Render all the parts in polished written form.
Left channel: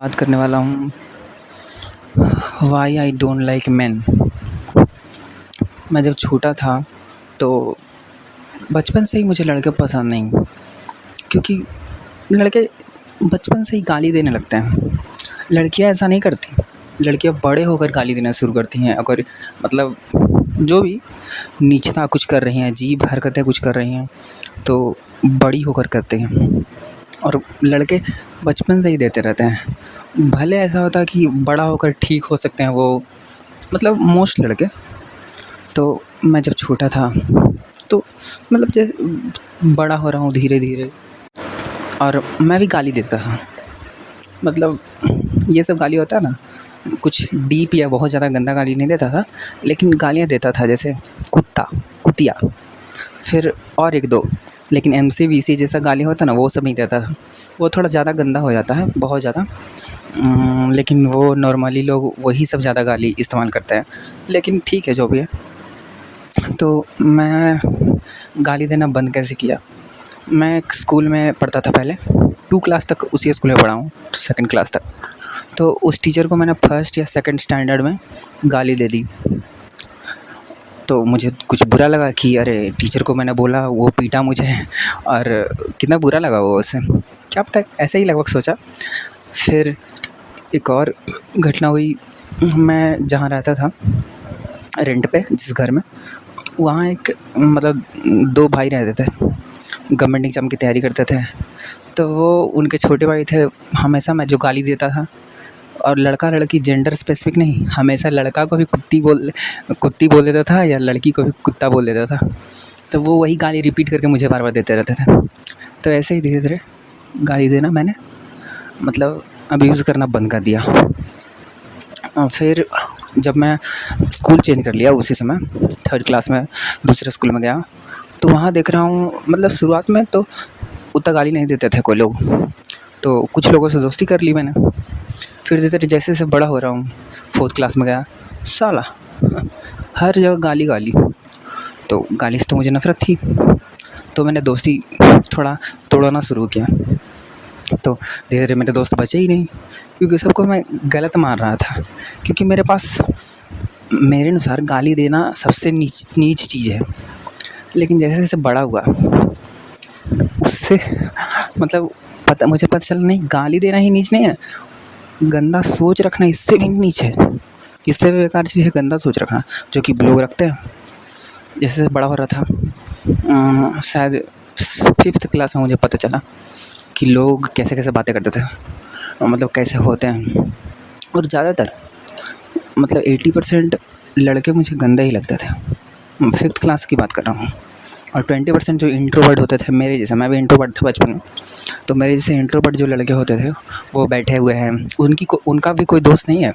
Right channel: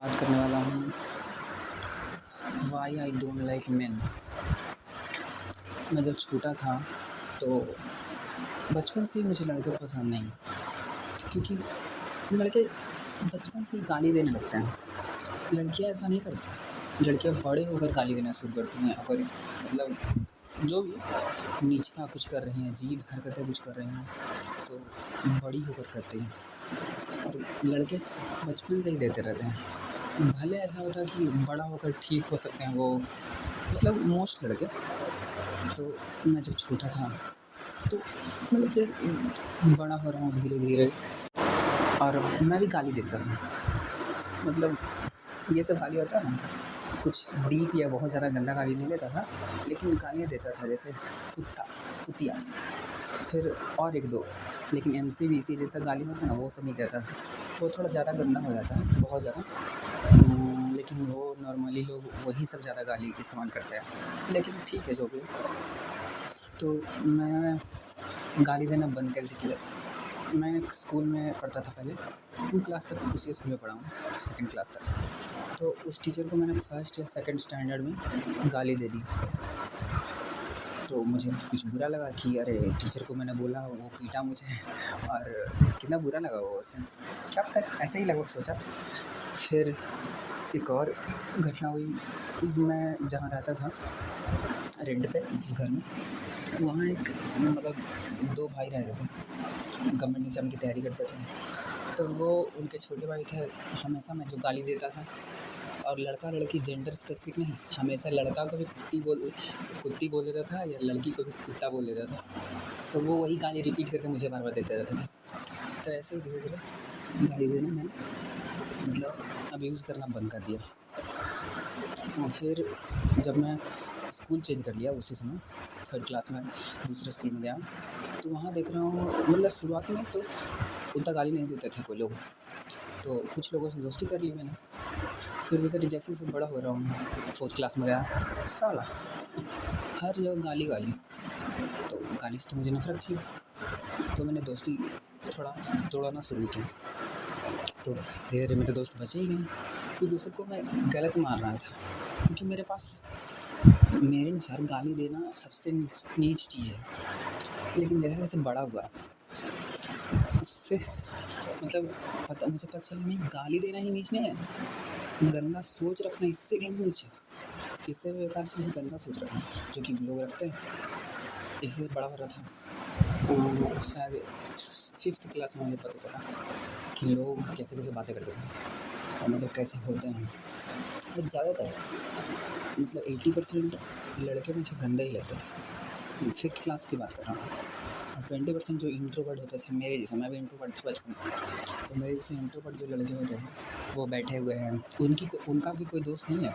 बात करने वाला हूँ why I don't like man. मैं जब छोटा था तो बचपन से ही मुझे लड़के पसंद नहीं, क्योंकि लड़के बचपन से ही गाली देने लगते हैं। लड़कियां ऐसा नहीं करती। लड़कियां बड़े होकर गाली देना शुरू करती हैं, अगर मतलब जो भी नीचता कुछ कर रही हैं, अजीब हरकतें कुछ कर रही हैं तो बड़ी होकर करते हैं। और लड़के बचपन से ही देते रहते हैं। भले ऐसा होता है कि बड़ा होकर ठीक हो सकते हैं वो, मतलब मोस्ट लड़के। तो मैं जब छोटा था तो मतलब जैसे बड़ा हो रहा हूँ धीरे धीरे, और मैं भी गाली देता था। मतलब ये सब गाली होता है ना, कुछ डीप या बहुत ज़्यादा गंदा गाली नहीं देता था, लेकिन गालियाँ देता था जैसे कुत्ता, कुतिया, फिर और एक दो। लेकिन एमसी-वीसी जैसा गाली होता है ना, वो सब नहीं देता था। वो थोड़ा ज़्यादा गंदा हो जाता है, बहुत ज़्यादा। लेकिन वो नॉर्मली लोग वही सब ज़्यादा गाली इस्तेमाल करते हैं, लेकिन ठीक है जो भी है। तो मैं गाली देना बंद कैसे किया? मैं एक स्कूल में पढ़ता था पहले, 2 क्लास तक उसी स्कूल में पढ़ा हूँ, 2nd क्लास तक। तो उस टीचर को मैंने 1st या 2nd स्टैंडर्ड में गाली दे दी। तो मुझे कुछ बुरा लगा कि अरे टीचर को मैंने बोला, वो पीटा मुझे, और कितना बुरा लगा वो उसे, क्या पता, ऐसे ही लगभग सोचा। फिर एक और घटना हुई। मैं जहाँ रहता था रेंट पे, जिस घर में, वहाँ एक मतलब 2 भाई रहते थे, गवर्नमेंट एग्ज़ाम की तैयारी करते थे। तो वो उनके छोटे भाई थे। हमेशा मैं जो गाली देता था, और लड़का लड़की जेंडर स्पेसिफिक नहीं, हमेशा लड़का को भी कुत्ती बोल देता था या लड़की को भी कुत्ता बोल देता था। तो वो वही गाली रिपीट करके मुझे बार बार देते रहते थे। तो ऐसे ही धीरे धीरे गाली देना मैंने मतलब अब्यूज़ करना बंद कर दिया। और फिर जब मैं स्कूल चेंज कर लिया, उसी समय 3rd क्लास में दूसरे स्कूल में गया, तो वहाँ देख रहा हूँ मतलब शुरुआत में तो उतना गाली नहीं देते थे कोई लोग। तो कुछ लोगों से दोस्ती कर ली मैंने। फिर धीरे धीरे जैसे जैसे बड़ा हो रहा हूँ, 4th क्लास में गया, साला हर जगह गाली गाली। तो गाली से तो मुझे नफ़रत थी, तो मैंने दोस्ती थोड़ा तोड़ना शुरू किया। तो धीरे धीरे मेरे दोस्त बचे ही नहीं, क्योंकि सबको मैं गलत मान रहा था। क्योंकि मेरे पास, मेरे अनुसार गाली देना सबसे नीच चीज़ है। लेकिन जैसे जैसे बड़ा हुआ, उससे मतलब मुझे पता चला नहीं, गाली देना ही नीच नहीं है, गंदा सोच रखना इससे भी नीच है। इससे भी बेकार चीज़ है गंदा सोच रखना, जो कि लोग रखते हैं। जैसे जैसे बड़ा हो रहा था, शायद 5th क्लास में मुझे पता चला कि लोग कैसे कैसे बातें करते थे, और मतलब कैसे होते हैं। और ज़्यादातर मतलब 80% लड़के मुझे गंदे ही लगते थे। 5th क्लास की बात कर रहा हूँ। और 20% जो इंट्रोवर्ट होते थे मेरे जैसे, मैं भी इंट्रोवर्ट था बचपन में, तो मेरे जैसे इंट्रोवर्ट जो लड़के होते थे वो बैठे हुए हैं, उनका भी कोई दोस्त नहीं है।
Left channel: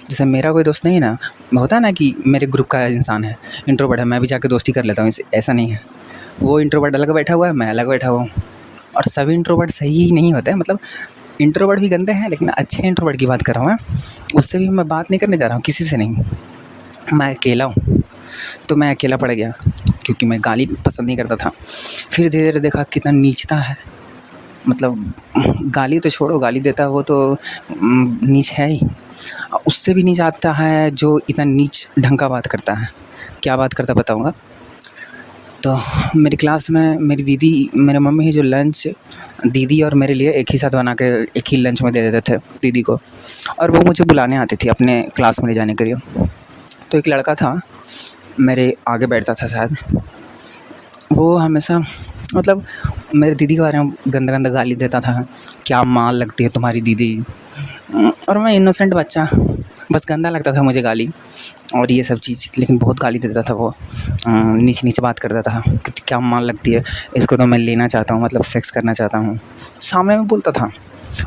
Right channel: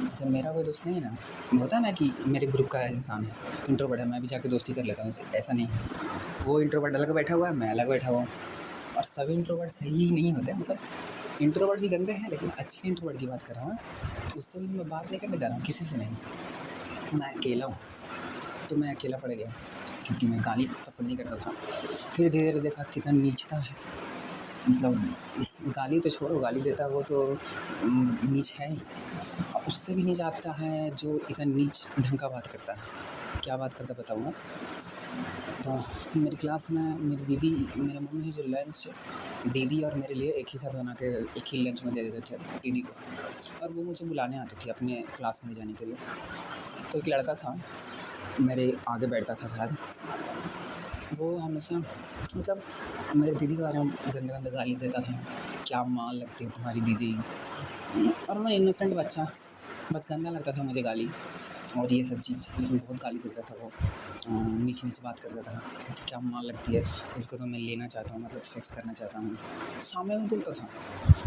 जैसे मेरा कोई दोस्त नहीं है ना, होता है ना कि मेरे ग्रुप का इंसान है इंट्रोवर्ट है, मैं भी जाके दोस्ती कर लेता हूँ, ऐसा नहीं है। वो इंट्रोवर्ट अलग बैठा हुआ है, मैं अलग बैठा हुआ हूँ। और सभी इंट्रोवर्ट सही ही नहीं होते हैं, मतलब इंट्रोवर्ट भी गंदे हैं, लेकिन अच्छे इंट्रोवर्ट की बात कर रहा हूँ मैं। उससे भी मैं बात नहीं करने जा रहा हूँ, किसी से नहीं। मैं अकेला हूँ, तो मैं अकेला पड़ गया, क्योंकि मैं गाली पसंद नहीं करता था। फिर धीरे धीरे देखा कितना नीचता है, मतलब गाली तो छोड़ो, गाली देता है वो तो नीच है ही। उससे भी नीच आता है जो इतना नीच ढंग का बात करता है। क्या बात करता बताऊँगा। तो मेरी क्लास में मेरी दीदी, मेरे मम्मी ही जो लंच दीदी और मेरे लिए एक ही साथ बना के एक ही लंच में दे देते थे दीदी को, और वो मुझे बुलाने आती थी अपने क्लास में ले जाने के लिए। तो एक लड़का था मेरे आगे बैठता था शायद, वो हमेशा मतलब मेरी दीदी के बारे में गंदा गंदा गाली देता था, क्या माल लगती है तुम्हारी दीदी। और मैं इनोसेंट बच्चा, बस गंदा लगता था मुझे गाली और ये सब चीज़, लेकिन बहुत गाली देता था वो। नीचे नीचे बात करता था कि क्या माल लगती है, इसको तो मैं लेना चाहता हूँ, मतलब सेक्स करना चाहता हूँ, सामने में बोलता था।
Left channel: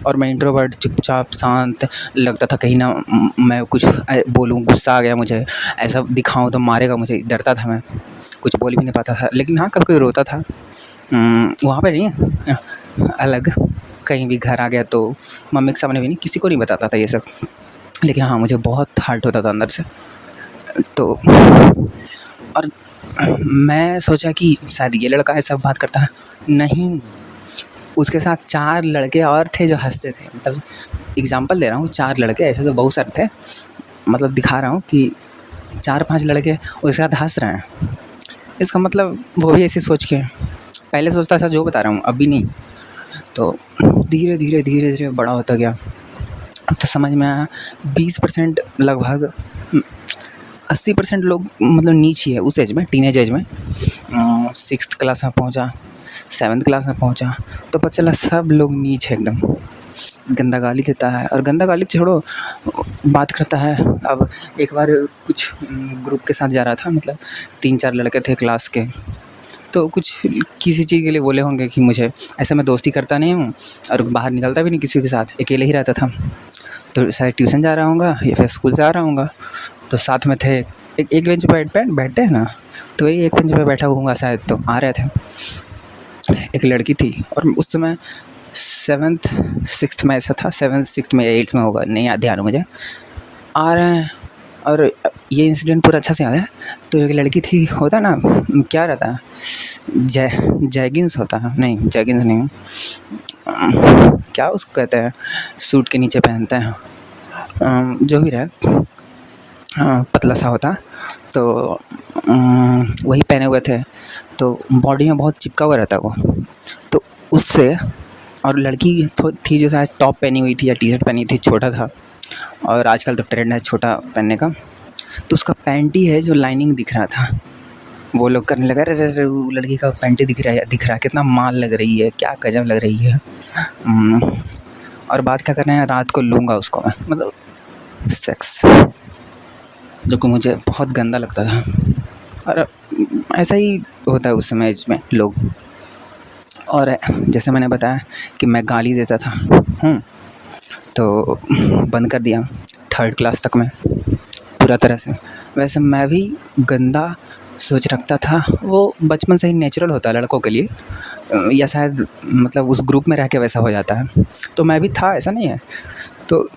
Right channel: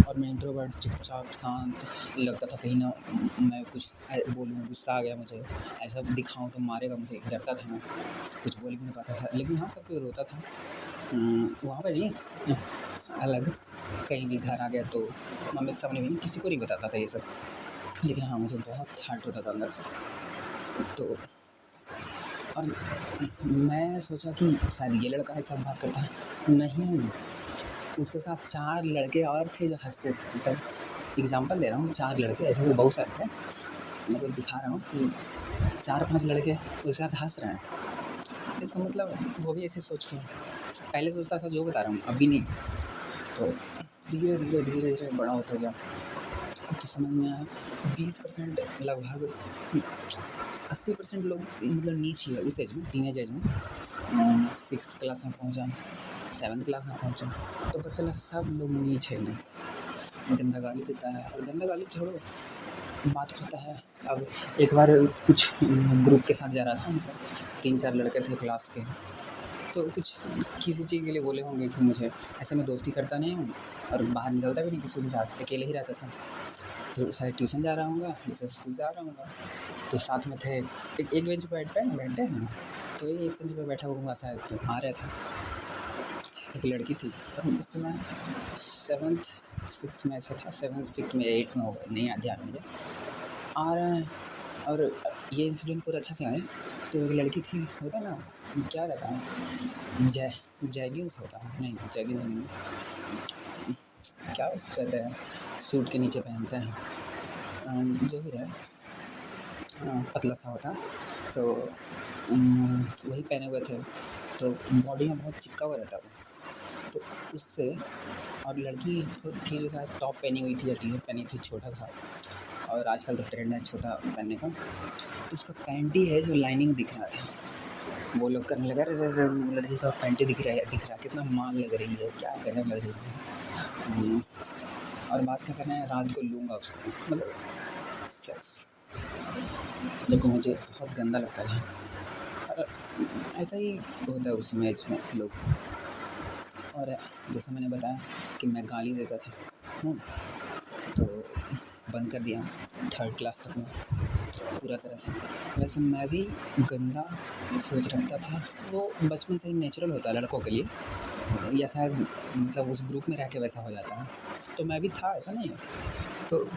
और मैं इंट्रोवर्ट, चुपचाप शांत लगता था, कहीं ना मैं कुछ बोलूँ, गुस्सा आ गया मुझे, ऐसा दिखाऊँ तो मारेगा मुझे, डरता था मैं, कुछ बोल भी नहीं पाता था। लेकिन हाँ, कभी कोई रोता था, वहाँ पे नहीं, अलग कहीं भी घर आ गया तो मम्मी के सामने भी नहीं, किसी को नहीं बताता था ये सब। लेकिन हाँ, मुझे बहुत हर्ट होता था अंदर से। तो और मैं सोचा कि शायद ये लड़का ऐसा बात करता है, नहीं, उसके साथ 4 लड़के और थे जो हंसते थे, मतलब एग्ज़ाम्पल दे रहा हूँ, 4 लड़के, ऐसे तो बहुत सारे थे, मतलब दिखा रहा हूँ कि 4-5 लड़के उसके साथ हँस रहे हैं। इसका मतलब वो भी ऐसे सोच के, पहले सोचता था जो बता रहा हूँ, अभी नहीं। तो धीरे-धीरे बड़ा होता गया, तो समझ में आया 20% लगभग 80% लोग मतलब नीच ही है उस एज में, टीनेज एज में। 6th क्लास में पहुँचा, 7th क्लास में पहुँचा, तो पता चला सब लोग नीच है एकदम। गंदा गाली देता है, और गंदा गाली छोड़ो, बात करता है। अब एक बार कुछ ग्रुप के साथ जा रहा था, मतलब 3-4 लड़के थे क्लास के, तो कुछ किसी चीज़ के लिए बोले होंगे कि मुझे, ऐसे मैं दोस्ती करता नहीं हूँ और बाहर निकलता भी नहीं किसी के साथ, अकेले ही रहता था। तो शायद ट्यूशन जा रहा होऊंगा या फिर स्कूल से आ रहा होऊंगा, तो साथ में थे, एक बेंच पर बैठते हैं ना, तो वही एक बेंच पर बैठा होऊंगा शायद, तो आ रहे थे। एक लड़की थी, और उस समय 7th 6th में ऐसा था, 7th 6th में या 8th में होगा, नहीं याद ध्यान है मुझे। आ रहे हैं, और ये इंसिडेंट पूरा अच्छा से याद है। तो एक लड़की थी, होता ना क्या रहता है, जैगिंग्स होता है, नहीं जैगिंग्स नहीं, क्या उसको कहते हैं, सूट के नीचे पहनते हैं, जो भी रहे, पतला सा होता, तो वही पहने हुए थे। तो बॉडी में बहुत चिपका हुआ रहता वो, तो उससे, और लड़की थी जो शायद टॉप पहनी हुई थी या टी-शर्ट पहनी थी, छोटा था, और आजकल तो ट्रेंड है छोटा पहनने का, तो उसका पैंट ही है जो लाइनिंग दिख रहा था। वो लोग करने लगा, अरे अरे वो लड़की का पैंट ही दिख रहा है, कितना माल लग रही है, क्या गजब लग रही है। और बात क्या कर रहे हैं, रात को लूँगा उसको मैं, मतलब सेक्स, जो कि मुझे बहुत गंदा लगता था। और ऐसा ही होता है उस समय में लोग। और जैसे मैंने बताया कि मैं गाली देता था, तो बंद कर दिया 3rd क्लास तक में पूरा तरह से। वैसे मैं भी गंदा सोच रखता था, वो बचपन से ही नेचुरल होता है लड़कों के लिए, या शायद मतलब उस ग्रुप में रह के वैसा हो जाता है, तो मैं भी था, ऐसा नहीं है। तो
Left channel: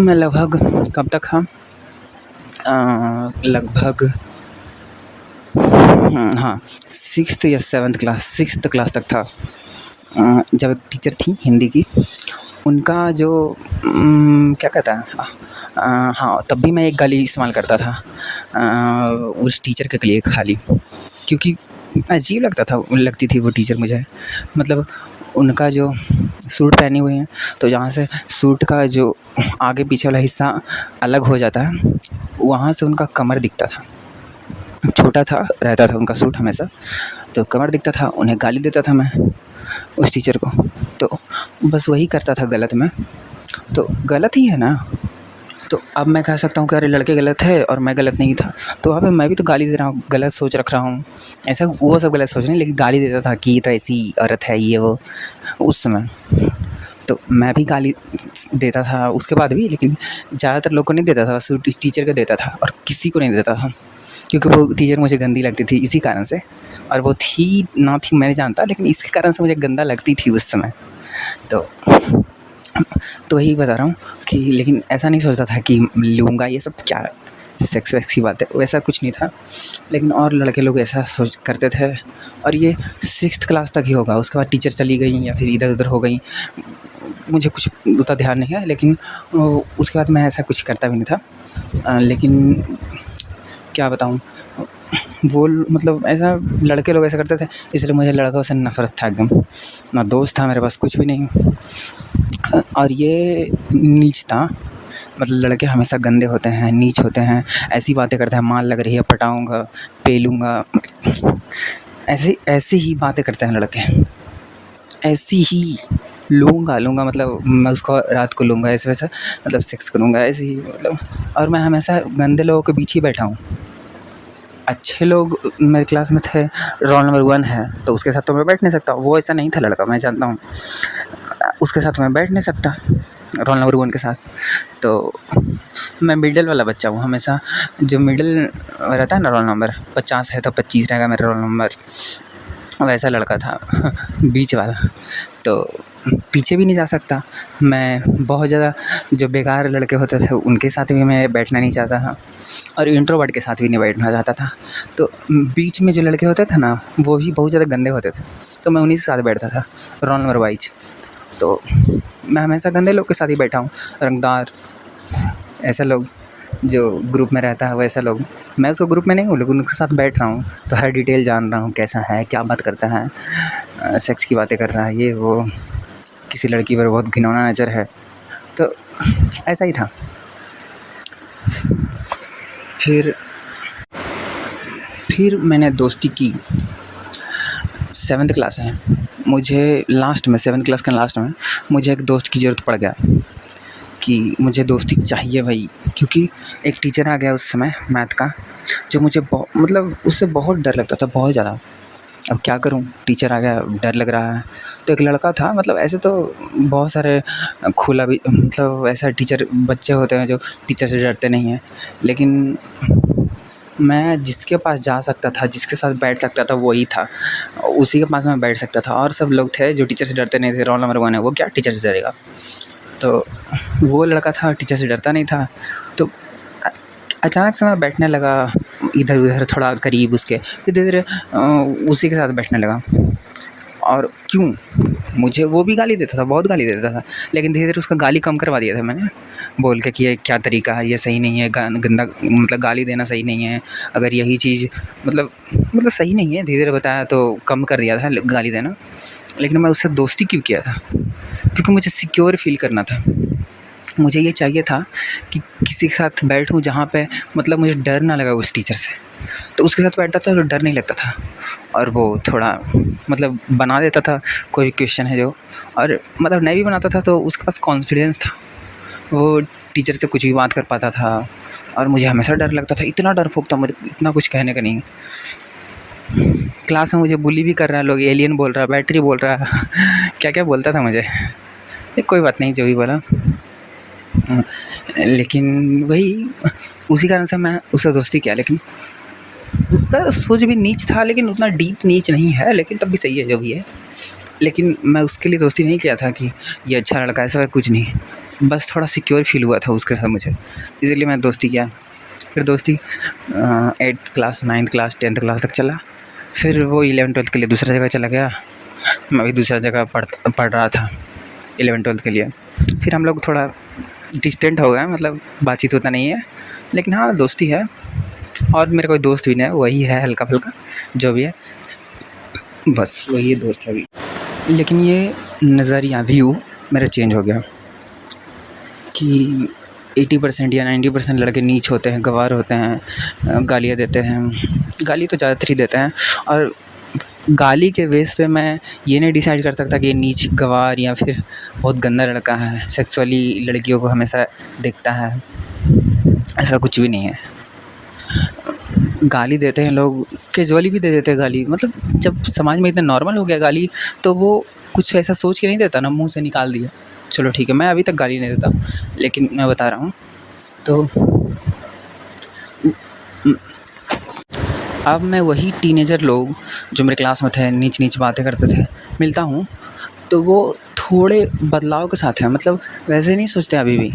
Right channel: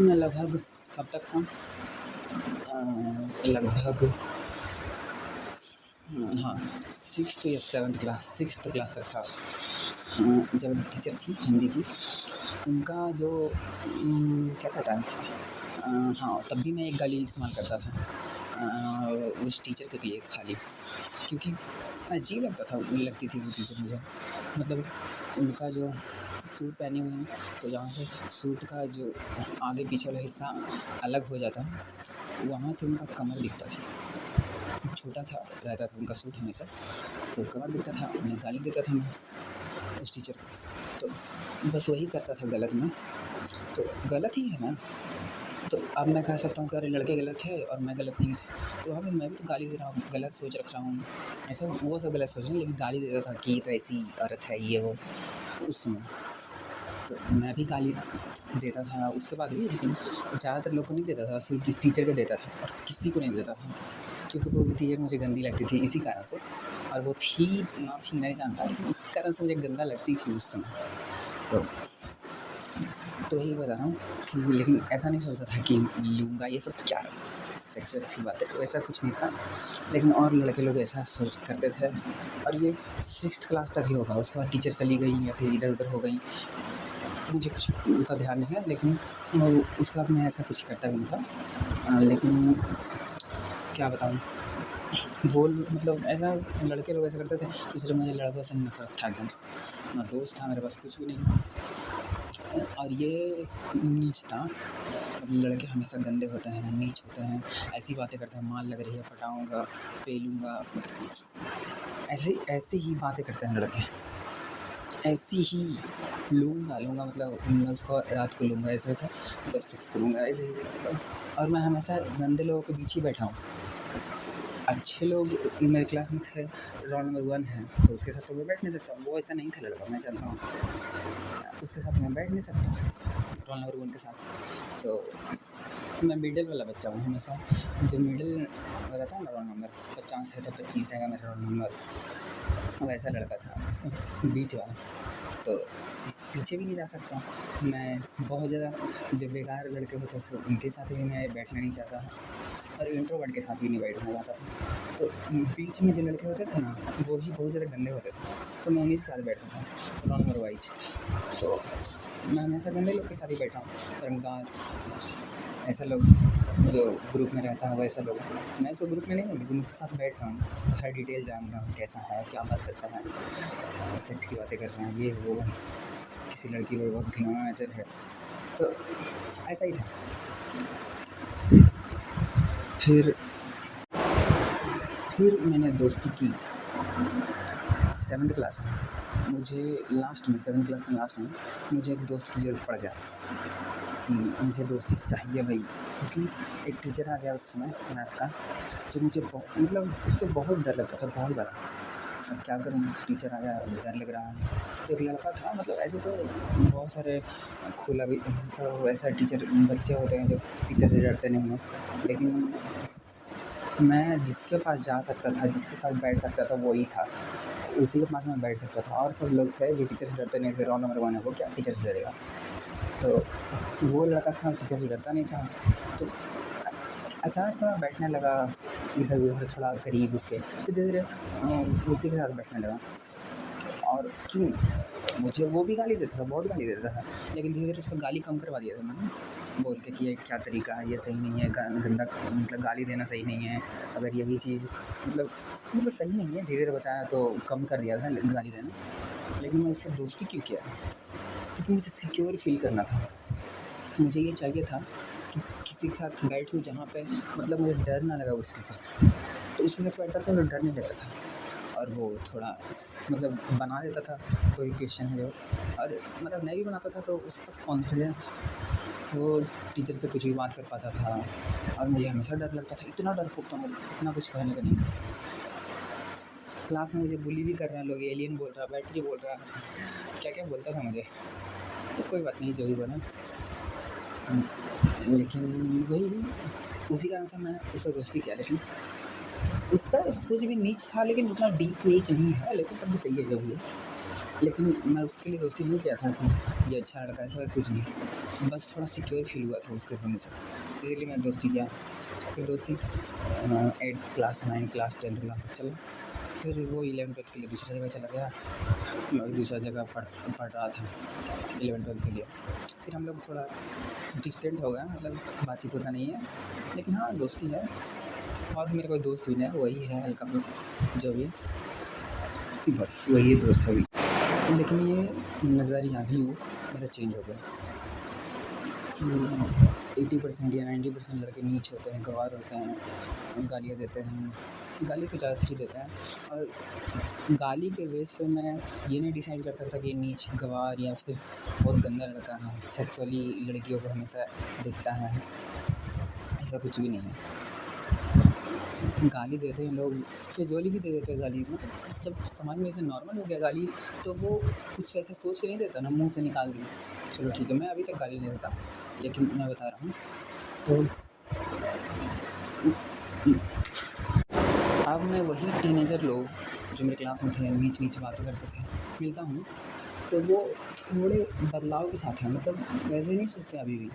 मैं लगभग कब तक था, लगभग हाँ 6th या 7th क्लास, 6th क्लास तक था। जब एक टीचर थी हिंदी की, उनका जो क्या कहता है, हाँ तब भी मैं एक गाली इस्तेमाल करता था उस टीचर के लिए खाली, क्योंकि अजीब लगती थी वो टीचर मुझे। मतलब उनका जो सूट पहने हुए हैं, तो जहाँ से सूट का जो आगे पीछे वाला हिस्सा अलग हो जाता है, वहाँ से उनका कमर दिखता था, छोटा था रहता था उनका सूट हमेशा, तो कमर दिखता था। उन्हें गाली देता था मैं उस टीचर को, तो बस वही करता था गलत में, तो गलत ही है ना। तो अब मैं कह सकता हूँ कि अरे लड़के गलत है और मैं गलत नहीं था, तो वहाँ पे मैं भी तो गाली दे रहा हूँ, गलत सोच रख रहा हूँ, ऐसा वो सब गलत सोच नहीं, लेकिन गाली देता था कि ये तो ऐसी औरत है ये वो उस समय। तो मैं भी गाली देता था उसके बाद भी, लेकिन ज़्यादातर लोग को नहीं देता था, सिर्फ इस टीचर को देता था, और किसी को नहीं देता था, क्योंकि वो टीचर मुझे गंदी लगती थी इसी कारण से। और वो थी ना थी मैं नहीं जानता, लेकिन इसके कारण से मुझे गंदा लगती थी उस समय। तो यही बता रहा हूँ कि, लेकिन ऐसा नहीं सोचता था कि लूँगा, ये सब क्या सेक्स वैक्स की बात है, वैसा कुछ नहीं था। लेकिन और लड़के लोग ऐसा सोच करते थे, और ये 6th क्लास तक ही होगा, उसके बाद टीचर चली गई या फिर इधर उधर हो गई, मुझे कुछ उतना ध्यान नहीं है। लेकिन उसके बाद मैं ऐसा कुछ करता भी नहीं था। लेकिन क्या बताऊँ, वो मतलब ऐसा लड़के लोग ऐसा करते थे, इसलिए मुझे लड़कों से नफ़रत था एकदम, ना दोस्त था मेरे पास, कुछ भी नहीं। और ये नीच था, मतलब लड़के हमेशा गंदे होते हैं, नीच होते हैं, ऐसी बातें करते हैं, माल लग रही है, पटाऊँगा, पे लूँगा, ऐसी ही बातें करते हैं लड़के, ऐसी ही लूँगा मतलब मैं उसको रात को लूँगा, ऐसे वैसा, मतलब सेक्स करूँगा ऐसे ही, मतलब। और मैं हमेशा गंदे लोगों के बीच ही बैठा हूँ। अच्छे लोग मेरे क्लास में थे, रोल नंबर 1 है, तो उसके साथ तो मैं बैठ नहीं सकता, वो ऐसा नहीं था लड़का, मैं जानता हूँ, उसके साथ मैं बैठ नहीं सकता रोल नंबर 1 के साथ। तो मैं मिडल वाला बच्चा हूँ हमेशा, जो मिडल रहता है ना, रोल नंबर 50 है तो 25 रहेगा मेरा रोल नंबर, वैसा लड़का था बीच वाला। तो पीछे भी नहीं जा सकता मैं, बहुत ज़्यादा जो बेकार लड़के होते थे उनके साथ भी मैं बैठना नहीं चाहता था, और इंट्रोवर्ट के साथ भी नहीं बैठना चाहता था। तो बीच में जो लड़के होते थे ना, वो ही बहुत ज़्यादा गंदे होते थे, तो मैं उन्हीं के साथ बैठता था रोल नंबर वाइज। तो मैं हमेशा गंदे लोग के साथ ही बैठा हूँ, रंगदार ऐसे लोग जो ग्रुप में रहता है वैसे लोग। मैं उसको ग्रुप में नहीं हूँ लेकिन उनके साथ बैठ रहा हूँ तो हर डिटेल जान रहा हूँ, कैसा है, क्या बात करता है, सेक्स की बातें कर रहा है, ये वो, किसी लड़की पर बहुत घिनौना नज़र है। तो ऐसा ही था। फिर मैंने दोस्ती की। 7th क्लास है, मुझे लास्ट में 7th क्लास के लास्ट में मुझे एक दोस्त की ज़रूरत पड़ गया कि मुझे दोस्ती चाहिए भाई, क्योंकि एक टीचर आ गया उस समय मैथ का, जो मुझे मतलब उससे बहुत डर लगता था, बहुत ज़्यादा। अब क्या करूं, टीचर आ गया, डर लग रहा है। तो एक लड़का था, मतलब ऐसे तो बहुत सारे खुला भी, मतलब ऐसा टीचर बच्चे होते हैं जो टीचर से डरते नहीं हैं, लेकिन मैं जिसके पास जा सकता था, जिसके साथ बैठ सकता था वही था, उसी के पास मैं बैठ सकता था। और सब लोग थे जो टीचर से डरते नहीं थे, रोल नंबर 1 है, वो क्या टीचर से डरेगा। तो वो लड़का था, टीचर से डरता नहीं था। तो अचानक से मैं बैठने लगा इधर उधर, थोड़ा करीब उसके, फिर धीरे धीरे उसी के साथ बैठने लगा। और क्यों, मुझे वो भी गाली देता था, बहुत गाली देता था, लेकिन धीरे धीरे उसका गाली कम करवा दिया था मैंने, बोल के कि ये क्या तरीका है, ये सही नहीं है, गंदा, मतलब गाली देना सही नहीं है। अगर यही चीज़ मतलब सही नहीं है, धीरे धीरे बताया तो कम कर दिया था गाली देना। लेकिन मैं उससे दोस्ती क्यों किया था, क्योंकि मुझे सिक्योर फील करना था। मुझे ये चाहिए था कि किसी के साथ बैठूं जहाँ पे मतलब मुझे डर ना लगा उस टीचर से। तो उसके साथ बैठता था तो डर नहीं लगता था, और वो थोड़ा मतलब बना देता था कोई क्वेश्चन है जो, और मतलब नहीं भी बनाता था तो उसके पास कॉन्फिडेंस था, वो टीचर से कुछ भी बात कर पाता था। और मुझे हमेशा डर लगता था, इतना डरपोक था मुझे, इतना कुछ कहने का नहीं। क्लास में मुझे बुली भी कर रहा है, लोग एलियन बोल रहा है, बैटरी बोल रहा है क्या क्या बोलता था मुझे। कोई बात नहीं, जो भी बोला। लेकिन वही, उसी कारण से मैं उससे दोस्ती किया। लेकिन उसका सोच भी नीच था, लेकिन उतना डीप नीच नहीं है, लेकिन तब भी सही है जो भी है। लेकिन मैं उसके लिए दोस्ती नहीं किया था कि ये अच्छा लड़का, ऐसा कुछ नहीं, बस थोड़ा सिक्योर फील हुआ था उसके साथ मुझे, इसलिए मैं दोस्ती किया। फिर दोस्ती 8th class, 9th class, 10th class तक चला। फिर वो 11th 12th के लिए दूसरा जगह चला गया, मैं भी दूसरा जगह पढ़ रहा था 11th 12th के लिए। फिर हम लोग थोड़ा डिस्टेंट हो गए, मतलब बातचीत होता नहीं है, लेकिन हाँ दोस्ती है। और मेरा कोई दोस्त भी नहीं है, वही है हल्का फुल्का जो भी है, बस वही दोस्त है अभी। लेकिन ये नज़रिया, व्यू मेरा चेंज हो गया कि 80% या 90% लड़के नीच होते हैं, गँवार होते हैं, गालियाँ देते हैं, गाली तो ज़्यादातर ही देते हैं। और गाली के बेस पे मैं ये नहीं डिसाइड कर सकता कि ये नीच, गँवार या फिर बहुत गंदा लड़का है, सेक्सुअली लड़कियों को हमेशा देखता है, ऐसा कुछ भी नहीं है। गाली देते हैं लोग, कैजुअली भी दे देते हैं गाली, मतलब जब समाज में इतना नॉर्मल हो गया गाली, तो वो कुछ ऐसा सोच के नहीं देता ना, मुंह से निकाल दिया, चलो ठीक है। मैं अभी तक गाली नहीं देता, लेकिन मैं बता रहा हूँ। तो अब मैं वही टीनेजर लोग जो मेरे क्लास में थे, नीच नीच बातें करते थे, मिलता हूँ तो वो थोड़े बदलाव के साथ हैं, मतलब वैसे नहीं सोचते अभी भी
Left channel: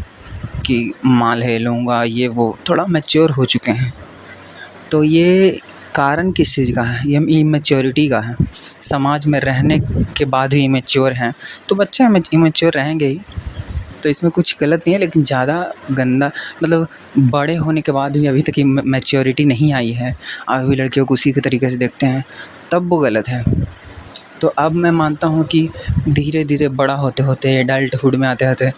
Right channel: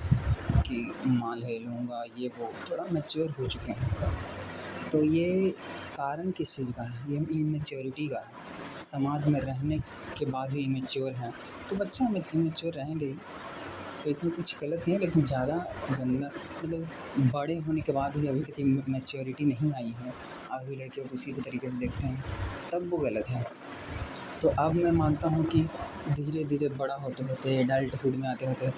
कि माल है लूँगा ये वो, थोड़ा मैच्योर हो चुके हैं। तो ये कारण किस चीज़ का है, ये इमेच्योरिटी का है। समाज में रहने के बाद भी इमेच्योर हैं, तो बच्चे इमेच्योर रहेंगे ही, तो इसमें कुछ गलत नहीं है। लेकिन ज़्यादा गंदा, मतलब बड़े होने के बाद भी अभी तक मैच्योरिटी नहीं आई है, अभी भी लड़कियों को उसी के तरीके से देखते हैं, तब वो गलत है। तो अब मैं मानता हूँ कि धीरे धीरे बड़ा होते होते एडल्टहुड में आते आते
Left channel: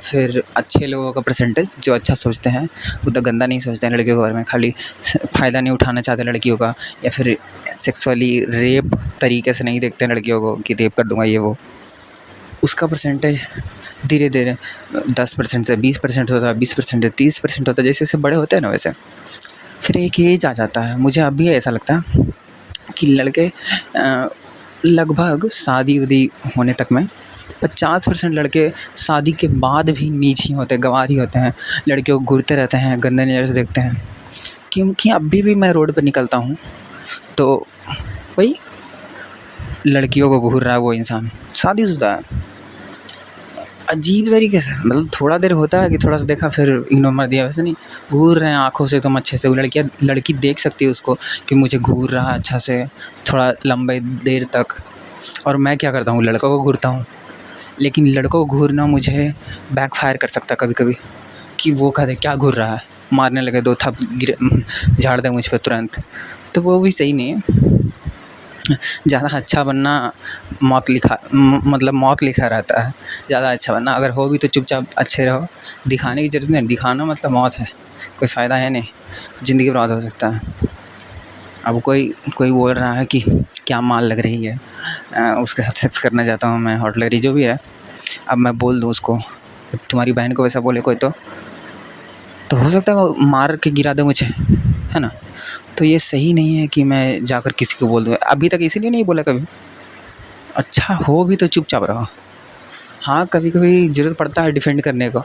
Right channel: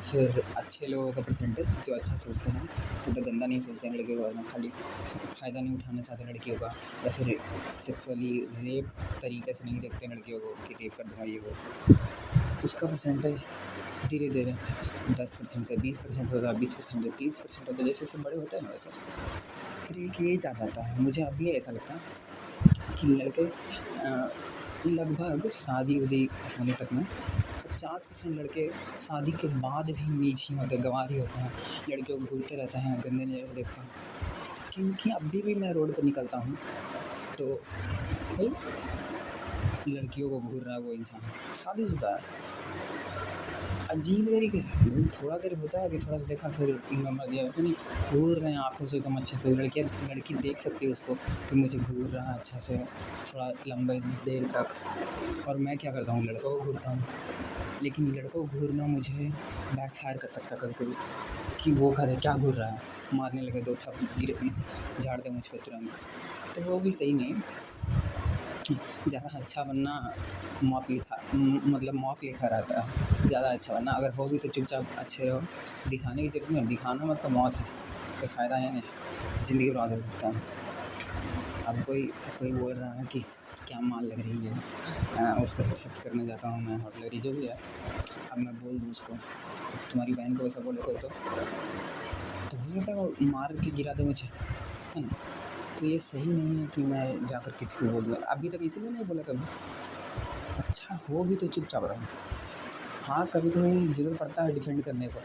फिर अच्छे लोगों का परसेंटेज, जो अच्छा सोचते हैं, उतना गंदा नहीं सोचते हैं लड़कियों के बारे में, खाली फ़ायदा नहीं उठाना चाहते लड़कियों का, या फिर सेक्सुअली रेप तरीके से नहीं देखते हैं लड़कियों को कि रेप कर दूँगा ये वो, उसका परसेंटेज धीरे धीरे 10% से 20% होता है, 20% से 30% होता है, जैसे जैसे बड़े होते हैं ना वैसे। फिर एक एज आ जाता है, मुझे अब भी ऐसा लगता है कि लड़के लगभग शादी वादी होने तक में 50% लड़के शादी के बाद भी नीच ही होते हैं, गँवार ही होते हैं, लड़कियों को घूरते रहते हैं, गंदे नज़र से देखते हैं। क्योंकि अभी भी मैं रोड पर निकलता हूँ तो भाई लड़कियों को घूर रहा है वो इंसान, शादीशुदा है, अजीब तरीके से, मतलब थोड़ा देर होता है कि थोड़ा सा देखा फिर इग्नोर मार दिया, वैसे नहीं घूर रहे हैं आँखों से तुम अच्छे से, वो लड़की देख सकती है उसको कि मुझे घूर रहा है अच्छा से, थोड़ा लंबे देर तक। और मैं क्या करता हूँ, लड़का को घूरता हूँ, लेकिन लड़कों को घूरना मुझे बैकफायर कर सकता है कभी कभी, कि वो कहते क्या घूर रहा है, मारने लगे, दो थप गिर झाड़ दे मुझ पे तुरंत, तो वो भी सही नहीं है। ज़्यादा अच्छा बनना मौत लिखा मतलब मौत लिखा रहता है। ज़्यादा अच्छा बनना, अगर हो भी तो चुपचाप अच्छे रहो, दिखाने की ज़रूरत नहीं, दिखाना मतलब मौत है, कोई फ़ायदा है नहीं, ज़िंदगी बर्बाद हो सकता है। अब कोई कोई बोल रहा है कि क्या माल लग रही है, उसके साथ सेक्स करना चाहता हूँ मैं, हॉट लग रही, जो भी है। अब मैं बोल दूँ उसको, तुम्हारी बहन को वैसा बोले कोई तो हो सकता है वो मार के गिरा दे मुझे, है ना। तो ये सही नहीं है कि मैं जाकर किसी को बोल दूँ, अभी तक इसीलिए नहीं बोला कभी। अच्छा हो भी तो चुपचाप रहो। हाँ, कभी कभी ज़रूरत पड़ता है डिफेंड करने को,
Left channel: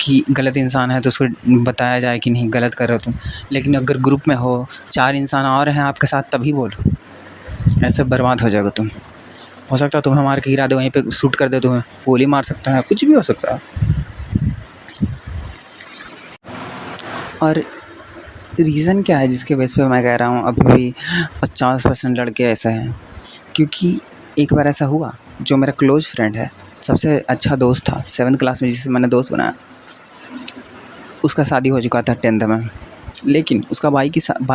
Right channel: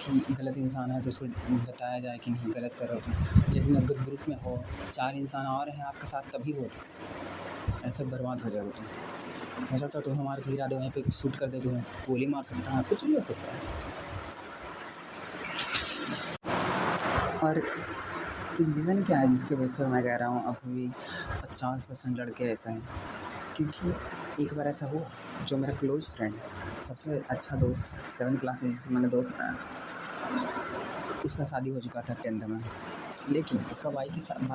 कि गलत इंसान है तो उसको बताया जाए कि नहीं गलत कर रहे हो तुम। लेकिन अगर ग्रुप में हो, 4 इंसान और हैं आपके साथ, तभी बोलो, ऐसे बर्बाद हो जाओगे तुम। हो सकता है तुम्हें मार के गिरा दे, वहीं पे शूट कर दे, तुम्हें गोली मार सकता है, कुछ भी हो सकता है। और रीज़न क्या है जिसके बेस पे मैं कह रहा हूँ अभी भी 50% लड़के ऐसे हैं? क्योंकि एक बार ऐसा हुआ, जो मेरा क्लोज़ फ्रेंड है, सबसे अच्छा दोस्त था 7th क्लास में, जिसे मैंने दोस्त बनाया, उसका शादी हो चुका था 10th में। लेकिन उसका भाई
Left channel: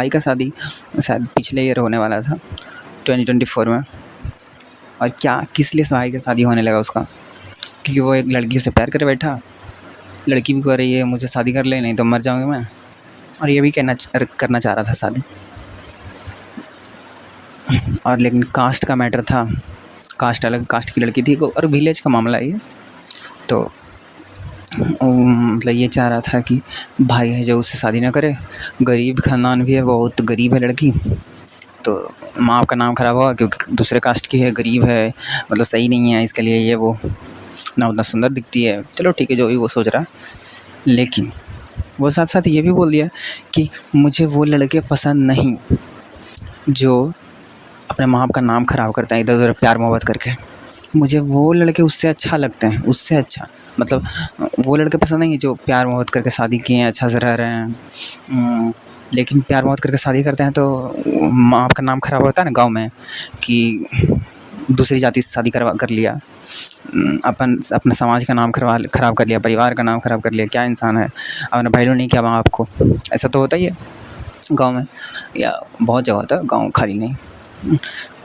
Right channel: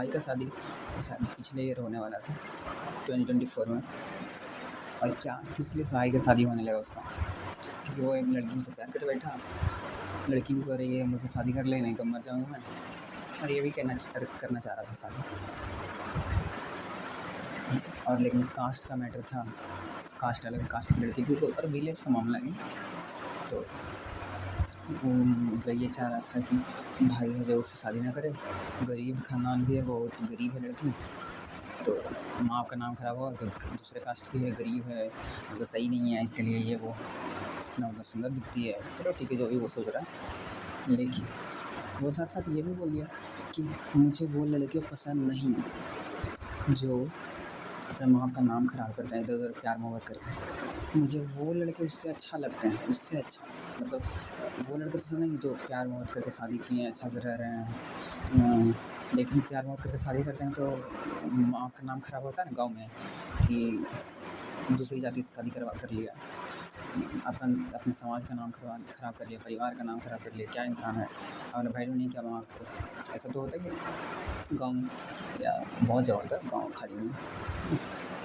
का शादी शायद पिछले ईयर होने वाला था, 2024 में। और क्या किस लिए भाई का शादी होने लगा उसका? क्योंकि वो एक लड़की से प्यार कर बैठा, लड़की भी कह रही है मुझे शादी कर ले, नहीं तो मर जाऊँगी मैं। और ये भी करना चाह रहा था शादी। और लेकिन कास्ट का मैटर था, कास्ट अलग कास्ट की लड़की थी, और विलेज का मामला है ये। तो मतलब ये चाह रहा था कि भाई है जो उससे शादी ना करे, गरीब ख़ानदान भी है, बहुत गरीब है लड़की, तो माँ का नाम ख़राब होगा क्योंकि दूसरे कास्ट की है, गरीब है, मतलब सही नहीं है इसके लिए, ये वो ना उतना सुंदर दिखती है। चलो ठीक है, जो भी वो सोच रहा है। लेकिन वो साथ साथ ये भी बोल दिया कि मुझे वो लड़के पसंद नहीं जो अपने माँ बाप का नाम ख़राब करते हैं इधर उधर प्यार मोहब्बत करके। मुझे वो लड़के उससे अच्छा लगते हैं, उससे अच्छा, मतलब वो लड़के पसंद नहीं है जो प्यार मोहब्बत करके शादी किए हैं, अच्छा से रह रहे हैं। लेकिन प्यार मोहब्बत करके शादी करते हैं तो माँ बाप का नाम ख़राब होता है ना गाँव में, कि दूसरी जाति से शादी कर लिया, अपने समाज का नाम ख़राब कर लिया, परिवार का नाम ख़राब कर लिया, क्या इंसान है, अपना वैल्यू नहीं किया माँ बाप को। ऐसा तो होता ही है गाँव में, या बहुत जगह होता है, गाँव खाली नहीं।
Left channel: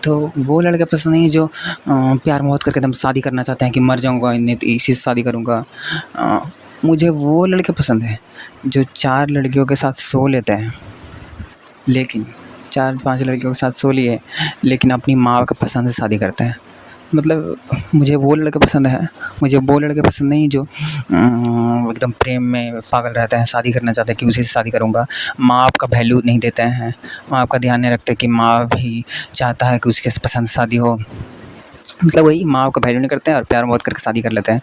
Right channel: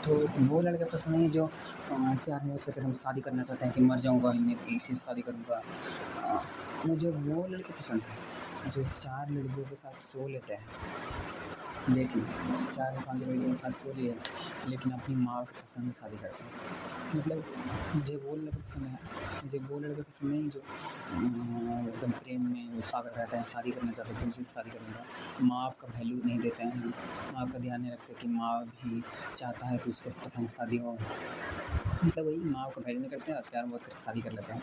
तो वो लड़के पसंद नहीं है जो प्यार मोहब्बत करके एकदम शादी करना चाहते हैं कि मर जाऊँगा नहीं तो इसी से शादी करूँगा। मुझे वो लड़के पसंद हैं जो 4 लड़कियों के साथ सो लेते हैं, लेकिन 4-5 लड़कियों के साथ सो लिए, लेकिन अपनी माँ का पसंद से शादी करते हैं। मतलब मुझे वो लड़के पसंद है, मुझे वो लड़के पसंद नहीं जो एकदम प्रेम में पागल रहते हैं, शादी करना चाहते हैं कि उसी से शादी करूँगा। माँ बाप का वैल्यू नहीं देते हैं, माँ बाप का ध्यान नहीं रखते कि माँ भी चाहता है कि उसके पसंद से शादी हो। मतलब वही माँ बाप का वैल्यू नहीं करते हैं और प्यार मोहब्बत करके शादी कर लेते हैं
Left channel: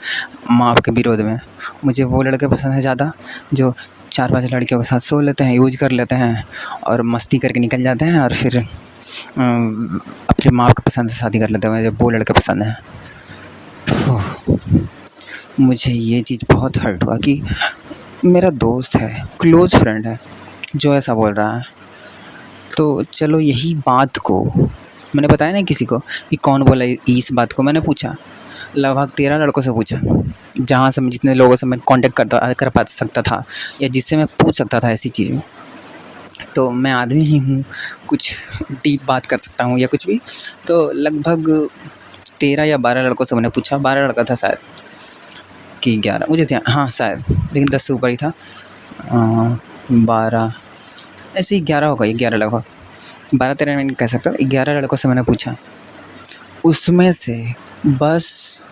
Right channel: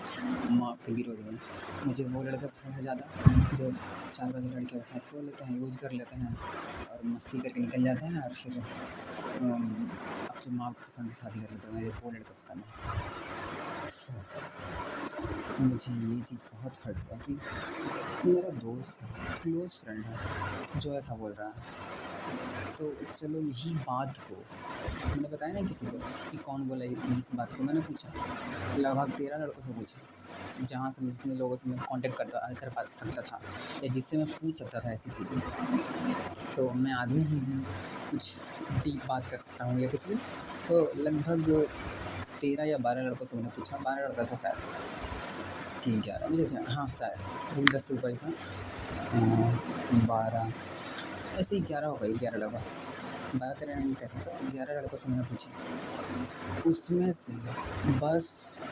माँ बाप के विरोध में। मुझे वो लड़के पसंद है ज़्यादा जो 4-5 लड़कियों के साथ सो लेते हैं, यूज कर लेते हैं और मस्ती करके निकल जाते हैं, और फिर अपनी माँ के पसंद से शादी कर लेते हैं। मुझे वो लड़के पसंद हैं। मुझे ये चीज़ बहुत हर्ट हुआ कि मेरा दोस्त है, क्लोज़ फ्रेंड है, जो ऐसा बोल रहा है। तो चलो यही बात को मैंने बताया ना किसी को कि कौन बोला इस बात को, मैंने पूछा, लगभग 13 लड़कों से पूछा, जहाँ से मैं जितने लोगों से मैं कांटेक्ट कर पा सकता था या जिससे मैं पूछ सकता था ऐसी चीज़ें। तो मैं आदमी ही हूँ, कुछ डीप बात कर सकता हूँ या कुछ भी। तो लगभग 13 या 12 लड़कों से मैंने पूछा, 12 लड़का था शायद कि 11, मुझे ध्यान, हाँ शायद, लेकिन 10 से ऊपर ही था। 12 ऐसे ही 11 होगा, 11 लगभग, 12-13 मैं नहीं कह सकता, 11 लड़कों से मैंने पूछा। उसमें से बस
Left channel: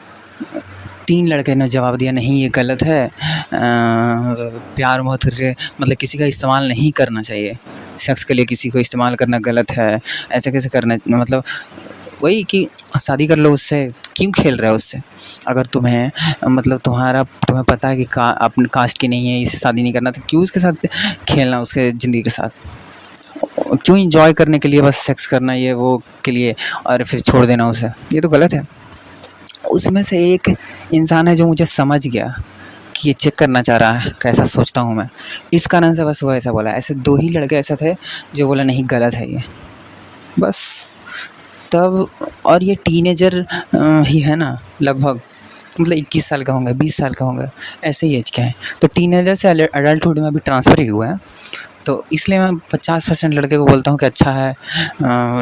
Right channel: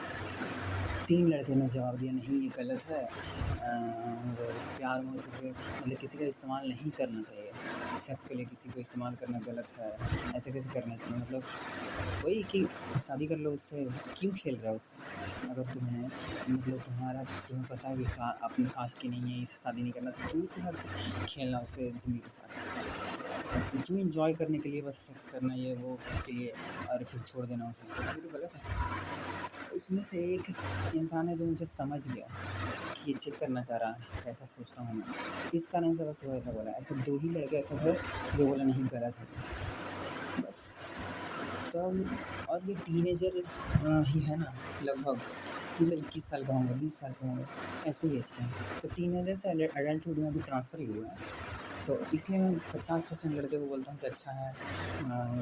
3 लड़के ने जवाब दिया नहीं ये गलत है, प्यार मोहब्बत करके मतलब किसी का इस्तेमाल नहीं करना चाहिए, सेक्स के लिए किसी को इस्तेमाल करना गलत है, ऐसे कैसे करना, मतलब वही कि शादी कर लो उससे, क्यों खेल रहे हो उससे? अगर तुम्हें मतलब तुम्हें पता है कि अपने कास्ट की नहीं है, इससे शादी नहीं करना, तो क्यों उसके साथ खेलना, उसके ज़िंदगी के साथ? क्यों एंजॉय करने के लिए बस सेक्स करना ये वो के लिए और फिर छोड़ देना उसे? ये तो गलत है। उसमें से एक इंसान है जो मुझे समझ गया कि ये चेक करना चाह रहा है कैसा सोचता हूँ मैं, इस कारण से बस वो ऐसा बोला। ऐसे 2 ही लड़के ऐसे थे जो बोला नहीं गलत है ये, बस। तब और ये टीनेजर ही है ना लगभग, मतलब 21 साल का होंगे, 20 साल का होंगे, ऐसे ही एज के हैं। तो टीनेजर से अडल्टहुड में अभी ट्रांसफ़र ही हुआ है। तो इसलिए मैं 50% लड़के को बोलता हूँ कि अच्छा है।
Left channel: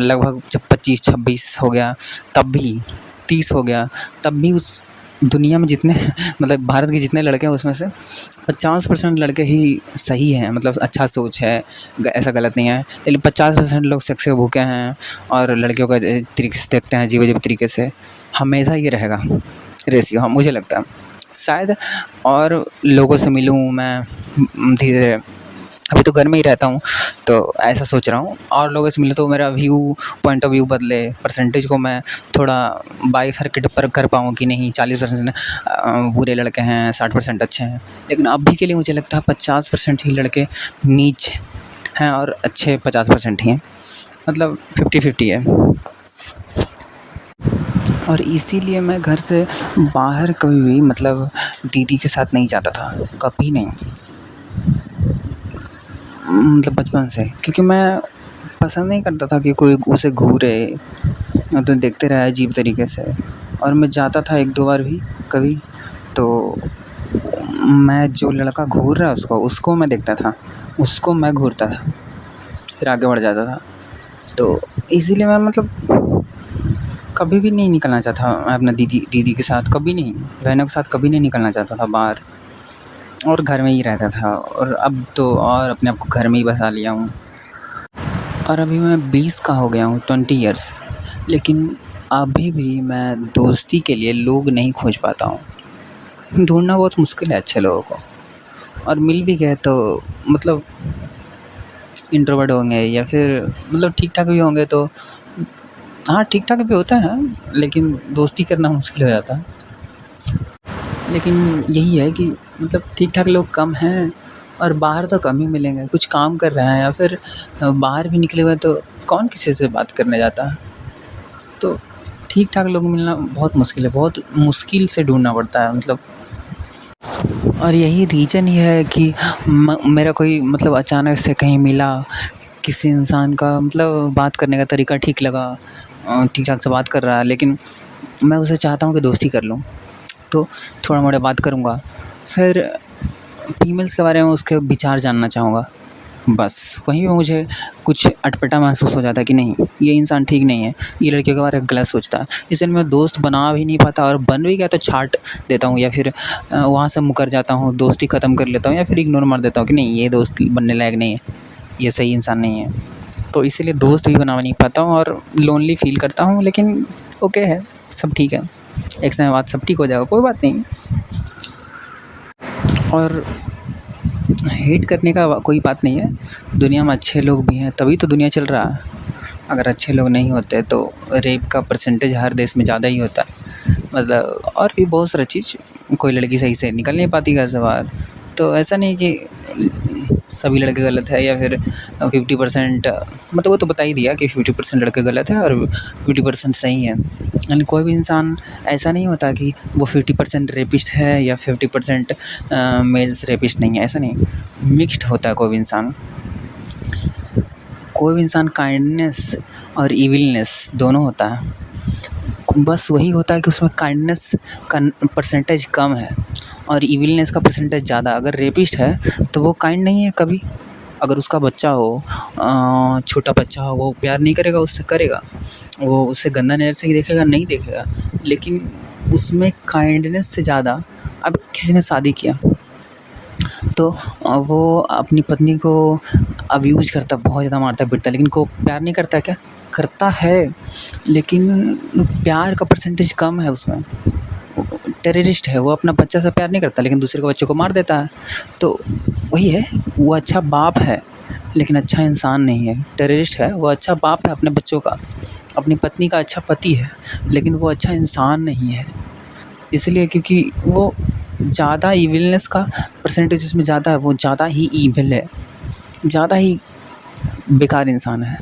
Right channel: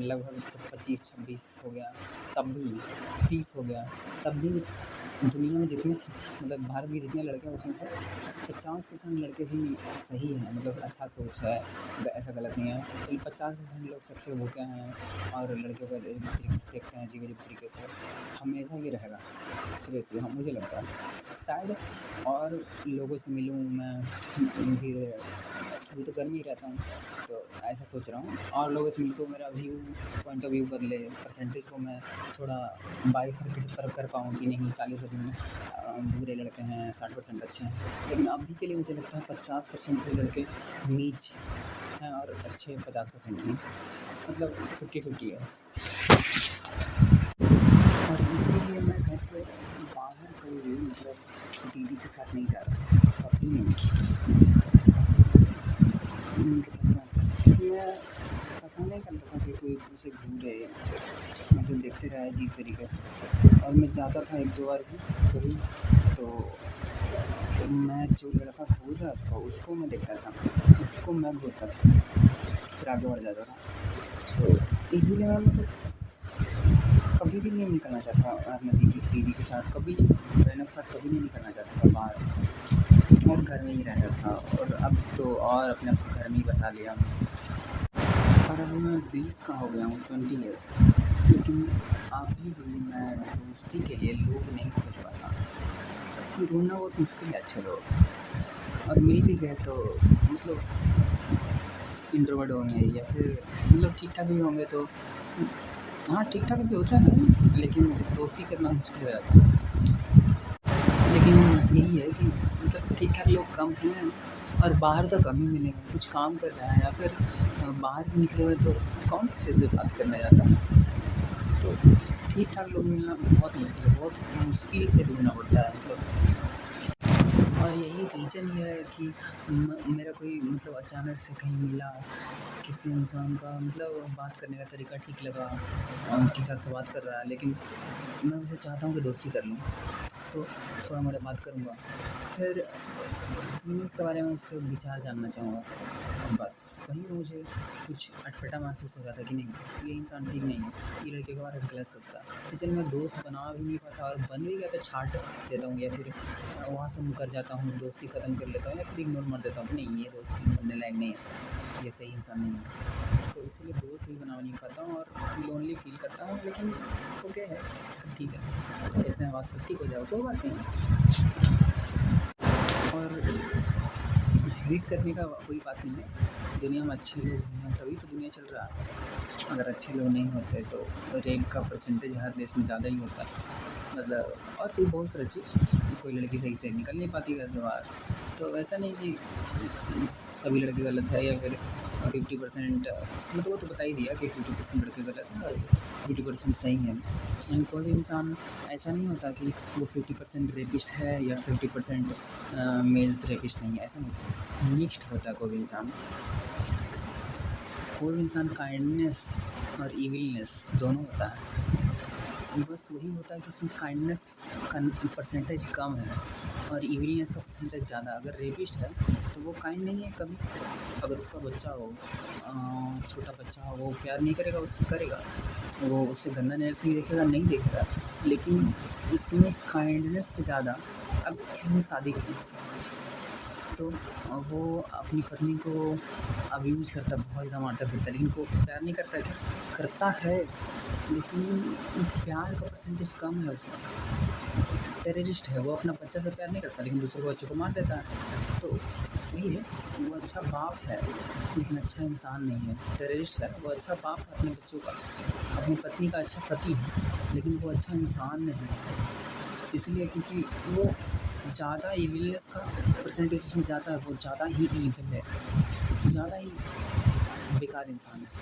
लगभग जब 25-26 हो गया तब भी, 30 हो गया तब भी, उस दुनिया में जितने मतलब भारत के जितने लड़के हैं उसमें से 50% लड़के ही सही हैं, मतलब अच्छा सोच है, ऐसा गलत नहीं है। लेकिन 50% लोग सेक्स के भूखे हैं और लड़कियों का तरीके से देखते हैं, अजीब-अजीब तरीके से। हमेशा ये रहेगा रेशियो, हाँ मुझे लगता है शायद। और लोगों से मिलूँ मैं धीरे, अभी तो घर में ही रहता हूँ तो ऐसा सोच रहा हूँ, और लोगों से मिले तो मेरा पॉइंट ऑफ व्यू बदले, परसेंटेज को मैं थोड़ा बाइफरकेट पर कर पाऊँ कि नहीं 40% बुरे लड़के हैं, 60% अच्छे हैं। लेकिन अभी के लिए मुझे लगता है 50% ही लड़के नीच हैं और अच्छे 50% ही हैं, मतलब 50-50 है। और इसीलिए मैं घर से बाहर कभी भी मतलब दीदी के साथ नहीं जाता था, कभी नहीं, मतलब बचपन से। क्योंकि मैं पसंद नहीं करता था कि कोई उसे घूरे और तो देखते रहे अजीब तरीके से। और मैं जाता था 1-2 बार भी कभी, तो मैं जो लड़का घूर रहा है उसको मैं देखता था, उसको मैं घूरता था, फिर आगे बढ़ जाता था। तो इसीलिए मैं मतलब कभी भी नहीं निकलना चाहता मैं अपना दीदी के साथ, कभी नहीं, बहनों के साथ कभी नहीं निकलना चाहता था बाहर, और घर में ही रहता था। और अब तो और अपने आप को घर में ही बसा लिया हूँ। और अभी मैं 20 का हो गया हूँ, 20 ईयर्स, लेकिन अभी भी मैं दोस्ती के लिए लोग नहीं खोज पाता हूँ। ढूँढना बहुत मुश्किल है अच्छे लोगों को, और मिल भी गए तो मतलब इंट्रोवर्ट होंगे या फिर मतलब ठीक-ठाक भी होंगे तो हाँ, ठीक-ठाक भी होता है, लेकिन दोस्ती करना मुश्किल हो जाता है। लेकिन यही है कि मतलब ठीक-ठाक लोग कम हैं और बाहर तो कम ही मिलेंगे, कुछ काम कर रहे हैं या फिर बाहर भी निकले हुए तो कौन किसी से बात करने जाता है। तो ठीक-ठाक लोग मिलना बहुत मुश्किल है, बहुत मुश्किल से ढूँढना पड़ता है मतलब। और यही रीज़न ये है कि मेरा कोई मतलब अचानक से कहीं मिला, किसी इंसान का मतलब बात करने का तरीका ठीक लगा, ठीक-ठाक से बात कर रहा है, लेकिन मैं उससे चाहता हूँ कि दोस्ती कर लूँ, तो थोड़ा-मोड़ा बात करूँगा। फिर फीमेल्स के बारे में उसके विचार जानना चाहूँगा, बस वहीं पे मुझे कुछ अटपटा महसूस हो जाता है कि नहीं, ये इंसान ठीक नहीं है, ये लड़कियों के बारे में गलत सोचता है। इसलिए मैं दोस्त बना भी नहीं पाता, और बन भी गया तो छाँट देता हूँ या फिर वहाँ से मुकर जाता हूँ, दोस्ती ख़त्म कर लेता हूँ या फिर इग्नोर मार देता हूँ कि नहीं, ये दोस्त बनने लायक नहीं है, ये सही इंसान नहीं है। तो इसीलिए दोस्त भी बना नहीं पाता हूँ और लोनली फ़ील करता हूँ। लेकिन ओके है, सब ठीक है, एक समय बाद सब ठीक हो जाएगा, कोई बात नहीं। और हेट करने का कोई बात नहीं है, दुनिया में अच्छे लोग भी हैं तभी तो दुनिया चल रहा है। अगर अच्छे लोग नहीं होते तो रेप का परसेंटेज हर देश में ज़्यादा ही होता, मतलब और भी बहुत सारी चीज़, कोई लड़की सही से निकल नहीं पाती घर से बाहर। तो ऐसा नहीं कि सभी लड़के गलत है या फिर 50%, मतलब वो तो बता ही दिया कि 50% लड़के गलत है और 50% सही है। यानी कोई भी इंसान ऐसा नहीं होता कि वो 50% रेपिस्ट है या 50% मेल्स रेपिस्ट नहीं है, ऐसा नहीं, मिक्स्ड होता है कोई भी इंसान। कोई भी इंसान काइंडनेस और इविलनेस दोनों होता है, बस वही होता है कि उसमें काइंडनेस का परसेंटेज कम है और इविलनेस का परसेंटेज ज़्यादा। अगर रेपिस्ट है तो वो काइंड नहीं है कभी। अगर उसका बच्चा हो, छोटा बच्चा हो, वो प्यार नहीं करेगा, उससे करेगा, वो उससे गंदा नज़र से ही देखेगा, नहीं देखेगा। लेकिन उसमें काइंडनेस से ज़्यादा, अब किसी ने शादी किया तो वो अपनी पत्नी को अब्यूज़ करता, बहुत ज़्यादा मारता पीटता, लेकिन को प्यार नहीं करता क्या? करता है, लेकिन प्यार का परसेंटेज कम है उसमें। टेररिस्ट है, वो अपना बच्चा से प्यार नहीं करता लेकिन दूसरे के बच्चे को मार देता है। तो वही है, वो अच्छा बाप है लेकिन अच्छा इंसान नहीं है। टेररिस्ट है, वो अच्छा बाप है अपने बच्चों का, अपनी पत्नी का अच्छा पति है, लेकिन वो अच्छा इंसान नहीं है। इसलिए क्योंकि वो ज़्यादा इविलनेस का परसेंटेज उसमें ज़्यादा है, वो ज़्यादा ही ईविल है, ज़्यादा ही बेकार इंसान है।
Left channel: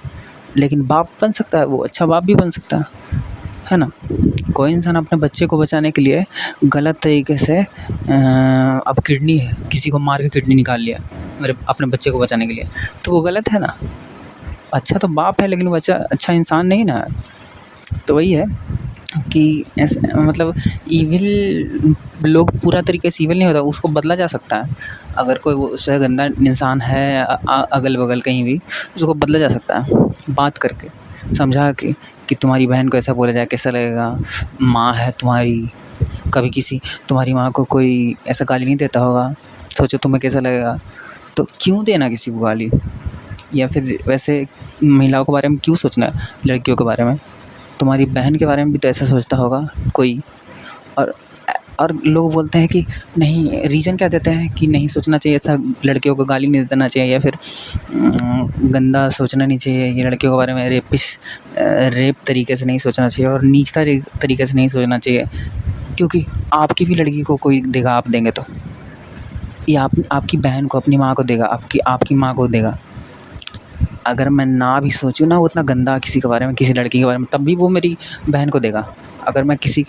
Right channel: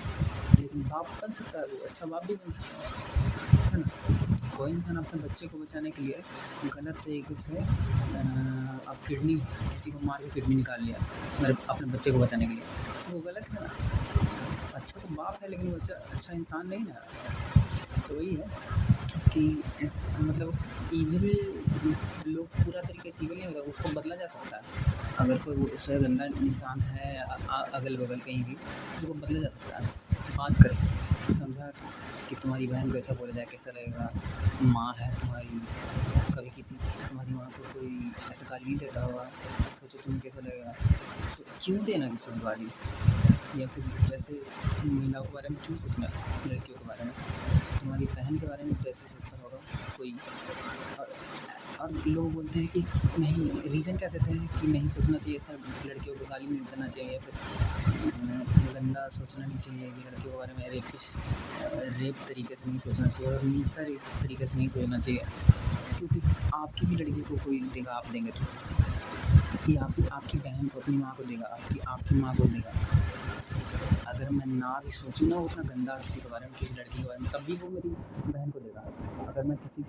लेकिन बाप बन सकता है, वो अच्छा बाप भी बन सकता है ना? कोई इंसान अपने बच्चे को बचाने के लिए गलत तरीके से अब किडनी है, किसी को मार के किडनी निकाल लिया मेरे अपने बच्चे को बचाने के लिए, तो वो गलत है ना? अच्छा तो बाप है लेकिन बच्चा अच्छा इंसान नहीं ना। तो वही है, कि ऐसे मतलब ईविल लोग पूरा तरीके से ईविल नहीं होता, उसको बदला जा सकता है। अगर कोई वो उससे गंदा इंसान है अगल बगल कहीं भी, उसको बदला जा सकता है बात करके, समझा के कि तुम्हारी बहन को ऐसा बोला जाए कैसा लगेगा। माँ है तुम्हारी, कभी किसी तुम्हारी माँ को कोई ऐसा गाली नहीं देता होगा, सोचो तुम्हें कैसा लगेगा। तो क्यों देना किसी को गाली, या फिर वैसे महिलाओं के बारे में क्यों सोचना है, लड़कियों के बारे में। तुम्हारी बहन के बारे में भी तो ऐसा सोचता होगा कोई। और लोग बोलते हैं कि नहीं, रीज़न क्या देते हैं कि नहीं सोचना चाहिए ऐसा, लड़कियों को गाली नहीं देना चाहिए, या फिर गंदा सोचना नहीं चाहिए, ये लड़कियों के बारे में रेप तरीके से नहीं सोचना चाहिए और नीचता तरीके से नहीं सोचना चाहिए, क्योंकि आपकी भी लड़की को कोई देगा आप देंगे तो, या आपकी बहन को अपनी माँ को देगा, आपकी माँ को देगा। अगर मैं ना भी सोचूँ ना उतना गंदा किसी के बारे में, किसी लड़की के बारे में, तब भी वो मेरी बहन को देगा। अगर मैं किसी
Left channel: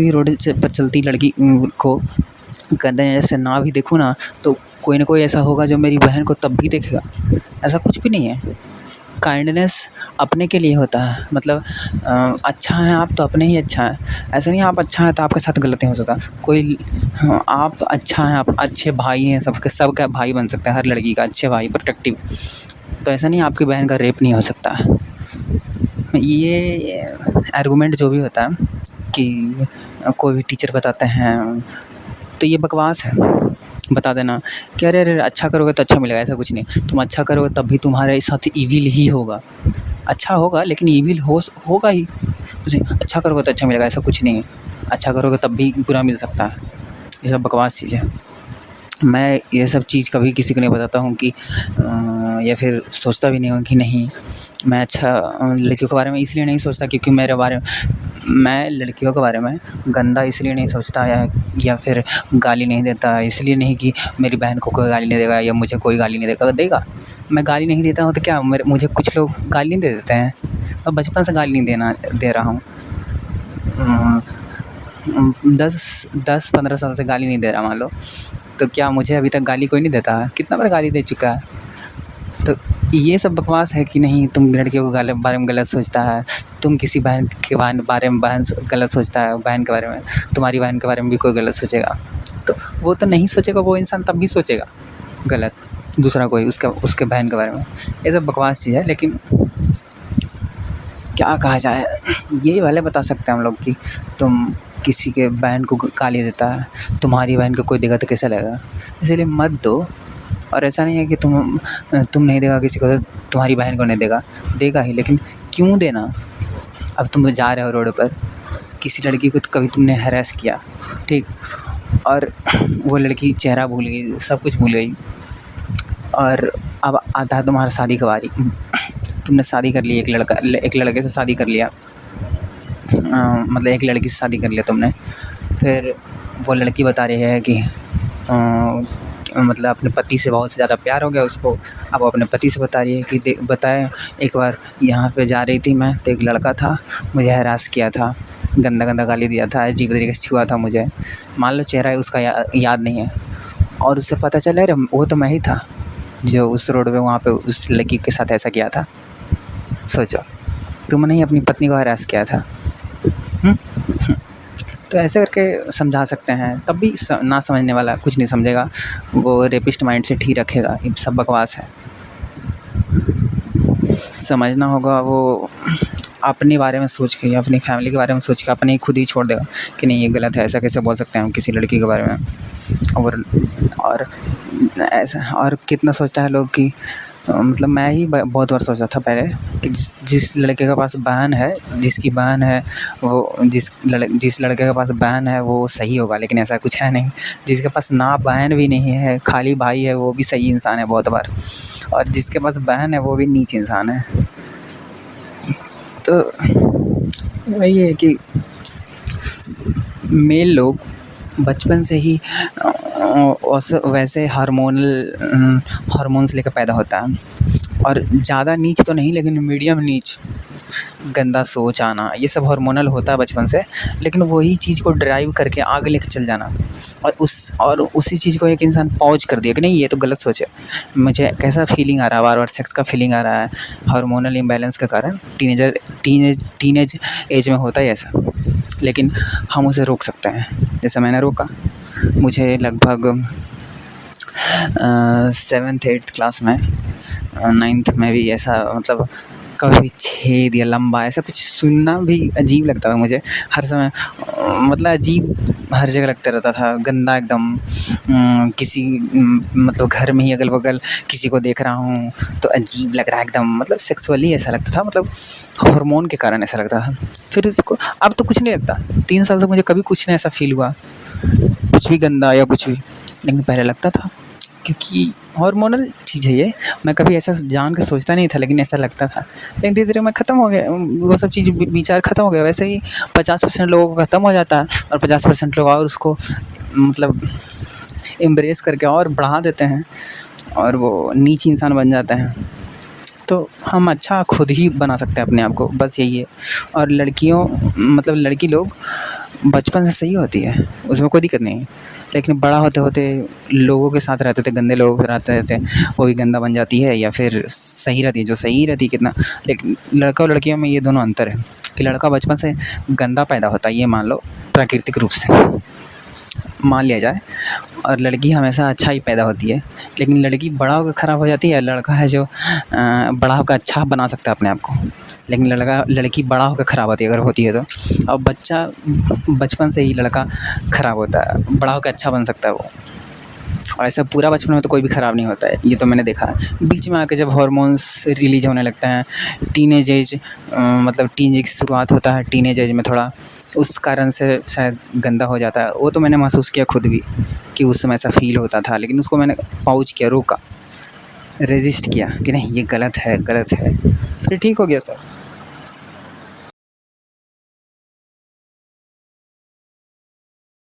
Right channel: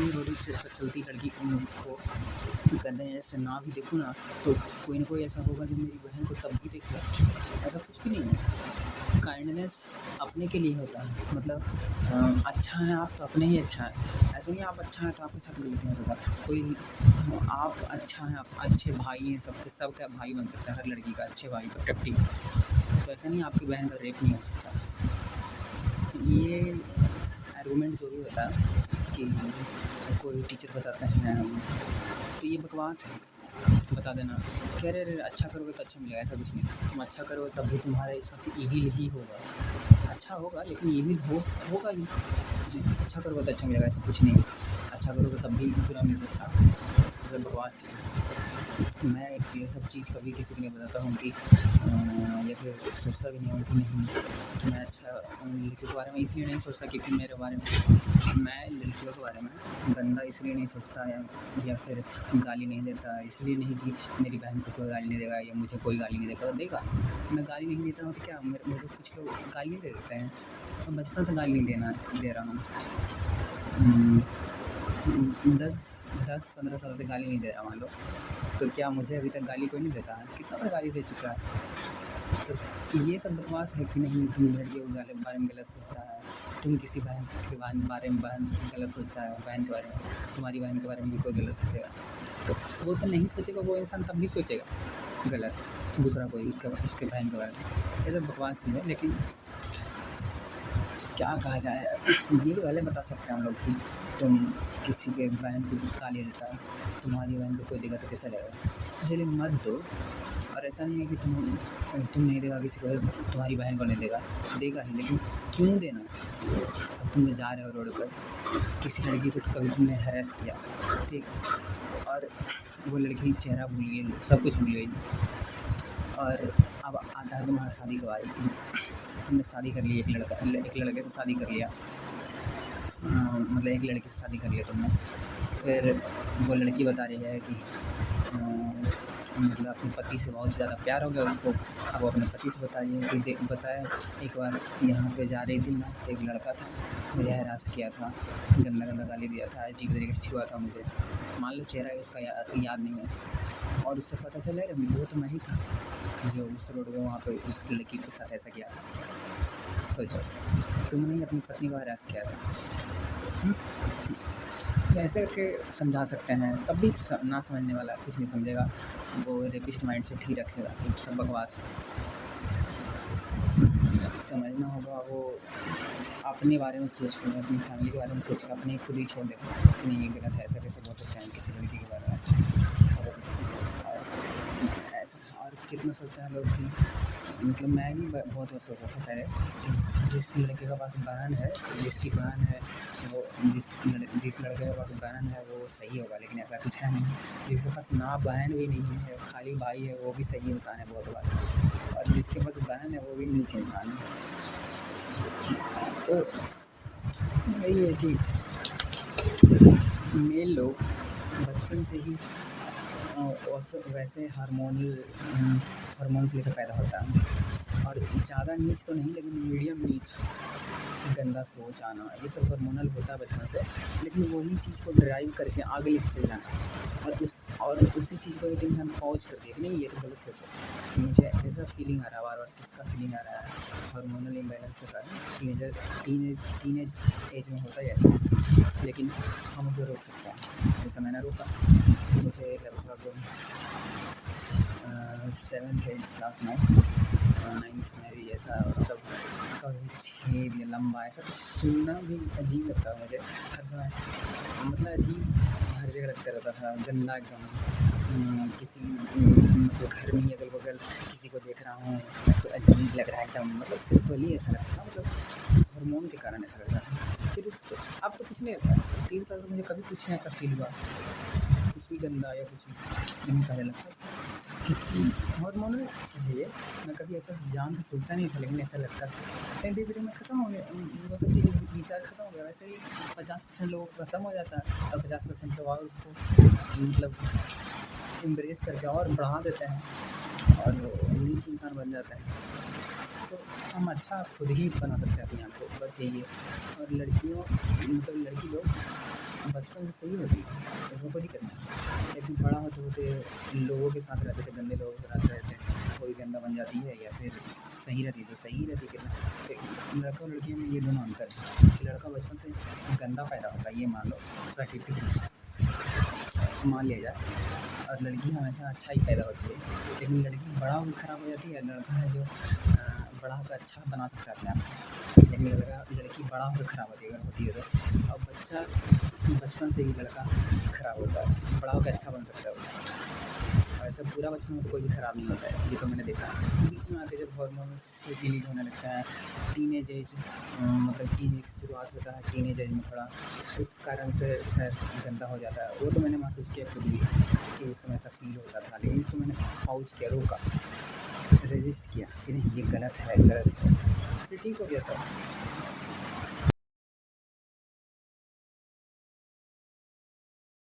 भी रोड पर चलती लड़की को गंदे नज़र से ना भी देखूँ ना, तो कोई ना कोई ऐसा होगा जो मेरी बहन को तब भी देखेगा। ऐसा कुछ भी नहीं है। काइंडनेस अपने के लिए होता है, मतलब अच्छा है आप तो अपने ही अच्छा है। ऐसा नहीं आप अच्छा है तो आपके साथ गलत नहीं हो सकता कोई। आप अच्छा हैं, आप अच्छे भाई हैं, सबका भाई बन सकता है हर लड़की का, अच्छे भाई, प्रोटेक्टिव। तो ऐसा नहीं आपकी बहन का रेप नहीं हो सकता। ये आर्गूमेंट जो भी होता है कि कोई भी टीचर बताते हैं, तो ये बकवास है। बता देना कि अरे अरे अच्छा करोगे तो अच्छा मिलेगा, ऐसा कुछ नहीं। तुम अच्छा करोगे तब भी तुम्हारे साथ ईविल ही होगा। अच्छा होगा लेकिन ईविल होगा ही। अच्छा करोगे तो अच्छा मिलेगा, ऐसा कुछ नहीं है। अच्छा करोगे तब भी बुरा मिल सकता है। ये सब बकवास चीज़ है। मैं ये सब चीज़ कभी किसी को नहीं बताता हूँ कि या फिर सोचता भी नहीं हूँ कि नहीं मैं अच्छा लड़कियों के बारे में इसलिए नहीं सोचता क्योंकि मैं लड़कियों के बारे में गंदा इसलिए नहीं सोचता, या फिर गाली नहीं देता इसलिए नहीं कि मेरी बहन को कोई गाली नहीं देगा या मुझे कोई गाली नहीं देगा। मैं गाली नहीं देता हूँ तो क्या मुझे कुछ लोग गाली नहीं दे देते हैं। अब बचपन से गाली नहीं दे रहा हूँ। 10-15 साल से गाली नहीं दे रहा मान लो, तो क्या मुझे अभी तक गाली कोई नहीं देता है? कितना बार गाली दे चुका है। तो ये सब बकवास है कि नहीं तुम लड़कियों को बारे में गलत सोचता है, तुम किसी बहन के बारे में गलत सोचता है, बहन के बारे में, तुम्हारी बहन के बारे में भी कोई गलत सोचेगा तो वो तो नहीं सोचेगा, वो इंसान तब भी सोचेगा गलत दूसरा कोई उसके बहन के बारे में। ये सब बकवास चीज़ है। लेकिन क्या कहा जाए, यही वाले बता सकते हैं हम लोग कि तुम किसी के बहन को गाली देता है, तुम्हारी बहन को कोई देगा तो कैसा लगेगा, इसलिए मत दो। और ऐसा नहीं है कि तुम नहीं देगा किसी को तो तुम्हारी बहन को नहीं देगा ही, लेकिन क्यों देना। अब तुम जा रहे हो रोड पर, किसी लड़की को तो कभी तुमने हैरेस किया, ठीक, और वो लड़की चेहरा भूल गई, सब कुछ भूल गई, और अब आता है तुम्हारा शादी का बारी। तुमने शादी कर ली, एक लड़के से शादी कर लिया, मतलब एक लड़की से शादी कर लिया तुमने। फिर वो लड़की बता रही है कि मतलब अपने पति से बहुत ज़्यादा प्यार हो गया उसको। अब वो अपने पति से बता रही है कि बताए एक बार यहाँ पे जा रही थी मैं तो एक लड़का था, मुझे हरास किया था, गंदा गंदा गाली दिया था, अजीब तरीके से छुआ था मुझे। मान लो चेहरा उसका याद नहीं है, और उससे पता चला अरे वो तो मैं ही था जो उस रोड पे वहाँ पे उस लड़की के साथ ऐसा किया था। सोचो, तुमने ही अपनी पत्नी को हरास किया था। तो ऐसे करके समझा सकते हैं, तब भी ना समझने वाला कुछ नहीं समझेगा, वो रेपिस्ट माइंड सेट ही रखेगा। ये सब बकवास है। समझना होगा वो अपने बारे में सोच के, अपनी फैमिली के बारे में सोच के अपने ही खुद ही छोड़ देगा कि नहीं ये गलत है, ऐसा कैसे बोल सकते हैं हम किसी लड़की के बारे में। और ऐसा और कितना सोचता है लोग कि मतलब मैं ही बहुत बार सोचा था पहले कि जिस लड़के के पास बहन है, जिसकी बहन है वो जिस लड़के के पास बहन है वो सही होगा, लेकिन ऐसा कुछ है नहीं। जिसके पास ना बहन भी नहीं है, खाली भाई है, वो भी सही इंसान है बहुत बार, और जिसके पास बहन है वो भी नीच इंसान है। तो वही है कि मेल लोग बचपन से ही वैसे हार्मोन्स लेकर पैदा होता है, और ज़्यादा नीच तो नहीं लेकिन मीडियम नीच गंदा सोच आना, ये सब हार्मोनल होता है बचपन से। लेकिन वही चीज़ को ड्राइव करके आगे लेके चल जाना और उसी चीज़ को एक इंसान पॉज कर दिया कि नहीं ये तो गलत सोच है, मुझे कैसा फीलिंग आ रहा है, बार बार सेक्स का फीलिंग आ रहा है हार्मोनल इम्बैलेंस के कारण। टीनेज एज में होता है ऐसा, लेकिन हम उसे रोक सकते हैं। जैसे मैंने रोका, मुझे लगभग 7th 8th क्लास में, 9th में भी ऐसा मतलब कभी छेद या लंबा ऐसा कुछ सुनना भी अजीब लगता था मुझे हर समय। मतलब अजीब हर जगह लगता रहता था, गंदा एकदम। किसी मतलब घर में ही अगल बगल किसी को देख रहा हूँ तो अजीब लग रहा है एकदम, मतलब सेक्सुअली ऐसा लगता था, मतलब हार्मोन के कारण ऐसा लगता था। फिर उसको अब तो कुछ नहीं लगता, 3 साल से मुझे कभी कुछ नहीं ऐसा फील हुआ, कुछ भी गंदा या कुछ भी। लेकिन पहले लगता था, क्योंकि हार्मोनल चीज़ है ये। मैं कभी ऐसा जान के सोचता नहीं था, लेकिन ऐसा लगता था। लेकिन धीरे धीरे मैं ख़त्म हो गया, वो सब चीज़ विचार ख़त्म हो गया। वैसे ही 50% लोगों को ख़त्म हो जाता है और 50% लोग और उसको मतलब एम्ब्रेस करके और बढ़ा देते हैं और वो नीच इंसान बन जाते हैं। तो हम अच्छा खुद ही बना सकते हैं अपने आप को, बस यही है। और लड़कियों मतलब लड़की लोग बचपन से सही होती है, उसमें कोई दिक्कत नहीं है। लेकिन बड़ा होते होते लोगों के साथ रहते थे, गंदे लोगों के साथ रहते थे, वो भी गंदा बन जाती है या फिर सही रहती है, जो सही रहती है कितना। लेकिन लड़का और लड़कियों में ये दोनों अंतर है कि लड़का बचपन से गंदा पैदा होता है, ये मान लो प्राकृतिक रूप से मान लिया जाए, और लड़की हमेशा अच्छा ही पैदा होती है। लेकिन लड़की बड़ा होकर ख़राब हो जाती है, लड़का है जो बड़ा होकर अच्छा बना सकता है अपने आप को। लेकिन लड़की बड़ा होकर ख़राब होती है अगर होती है तो। और बच्चा बचपन से ही लड़का ख़राब होता है, बड़ा होकर अच्छा बन सकता है वो। और ऐसा पूरा बचपन में तो कोई भी ख़राब नहीं होता है, ये तो मैंने देखा है। बीच में आके जब हार्मोन्स रिलीज होने लगते हैं, टीनेज एज मतलब टीन की शुरुआत होता है टीनेज एज में थोड़ा, उस कारण से शायद गंदा हो जाता है। वो तो मैंने महसूस किया खुद भी कि उस समय ऐसा फ़ील होता था, लेकिन उसको मैंने पॉज किया, रोका, रेजिस्ट किया कि नहीं ये गलत है, गलत है, फिर ठीक हो गया सब।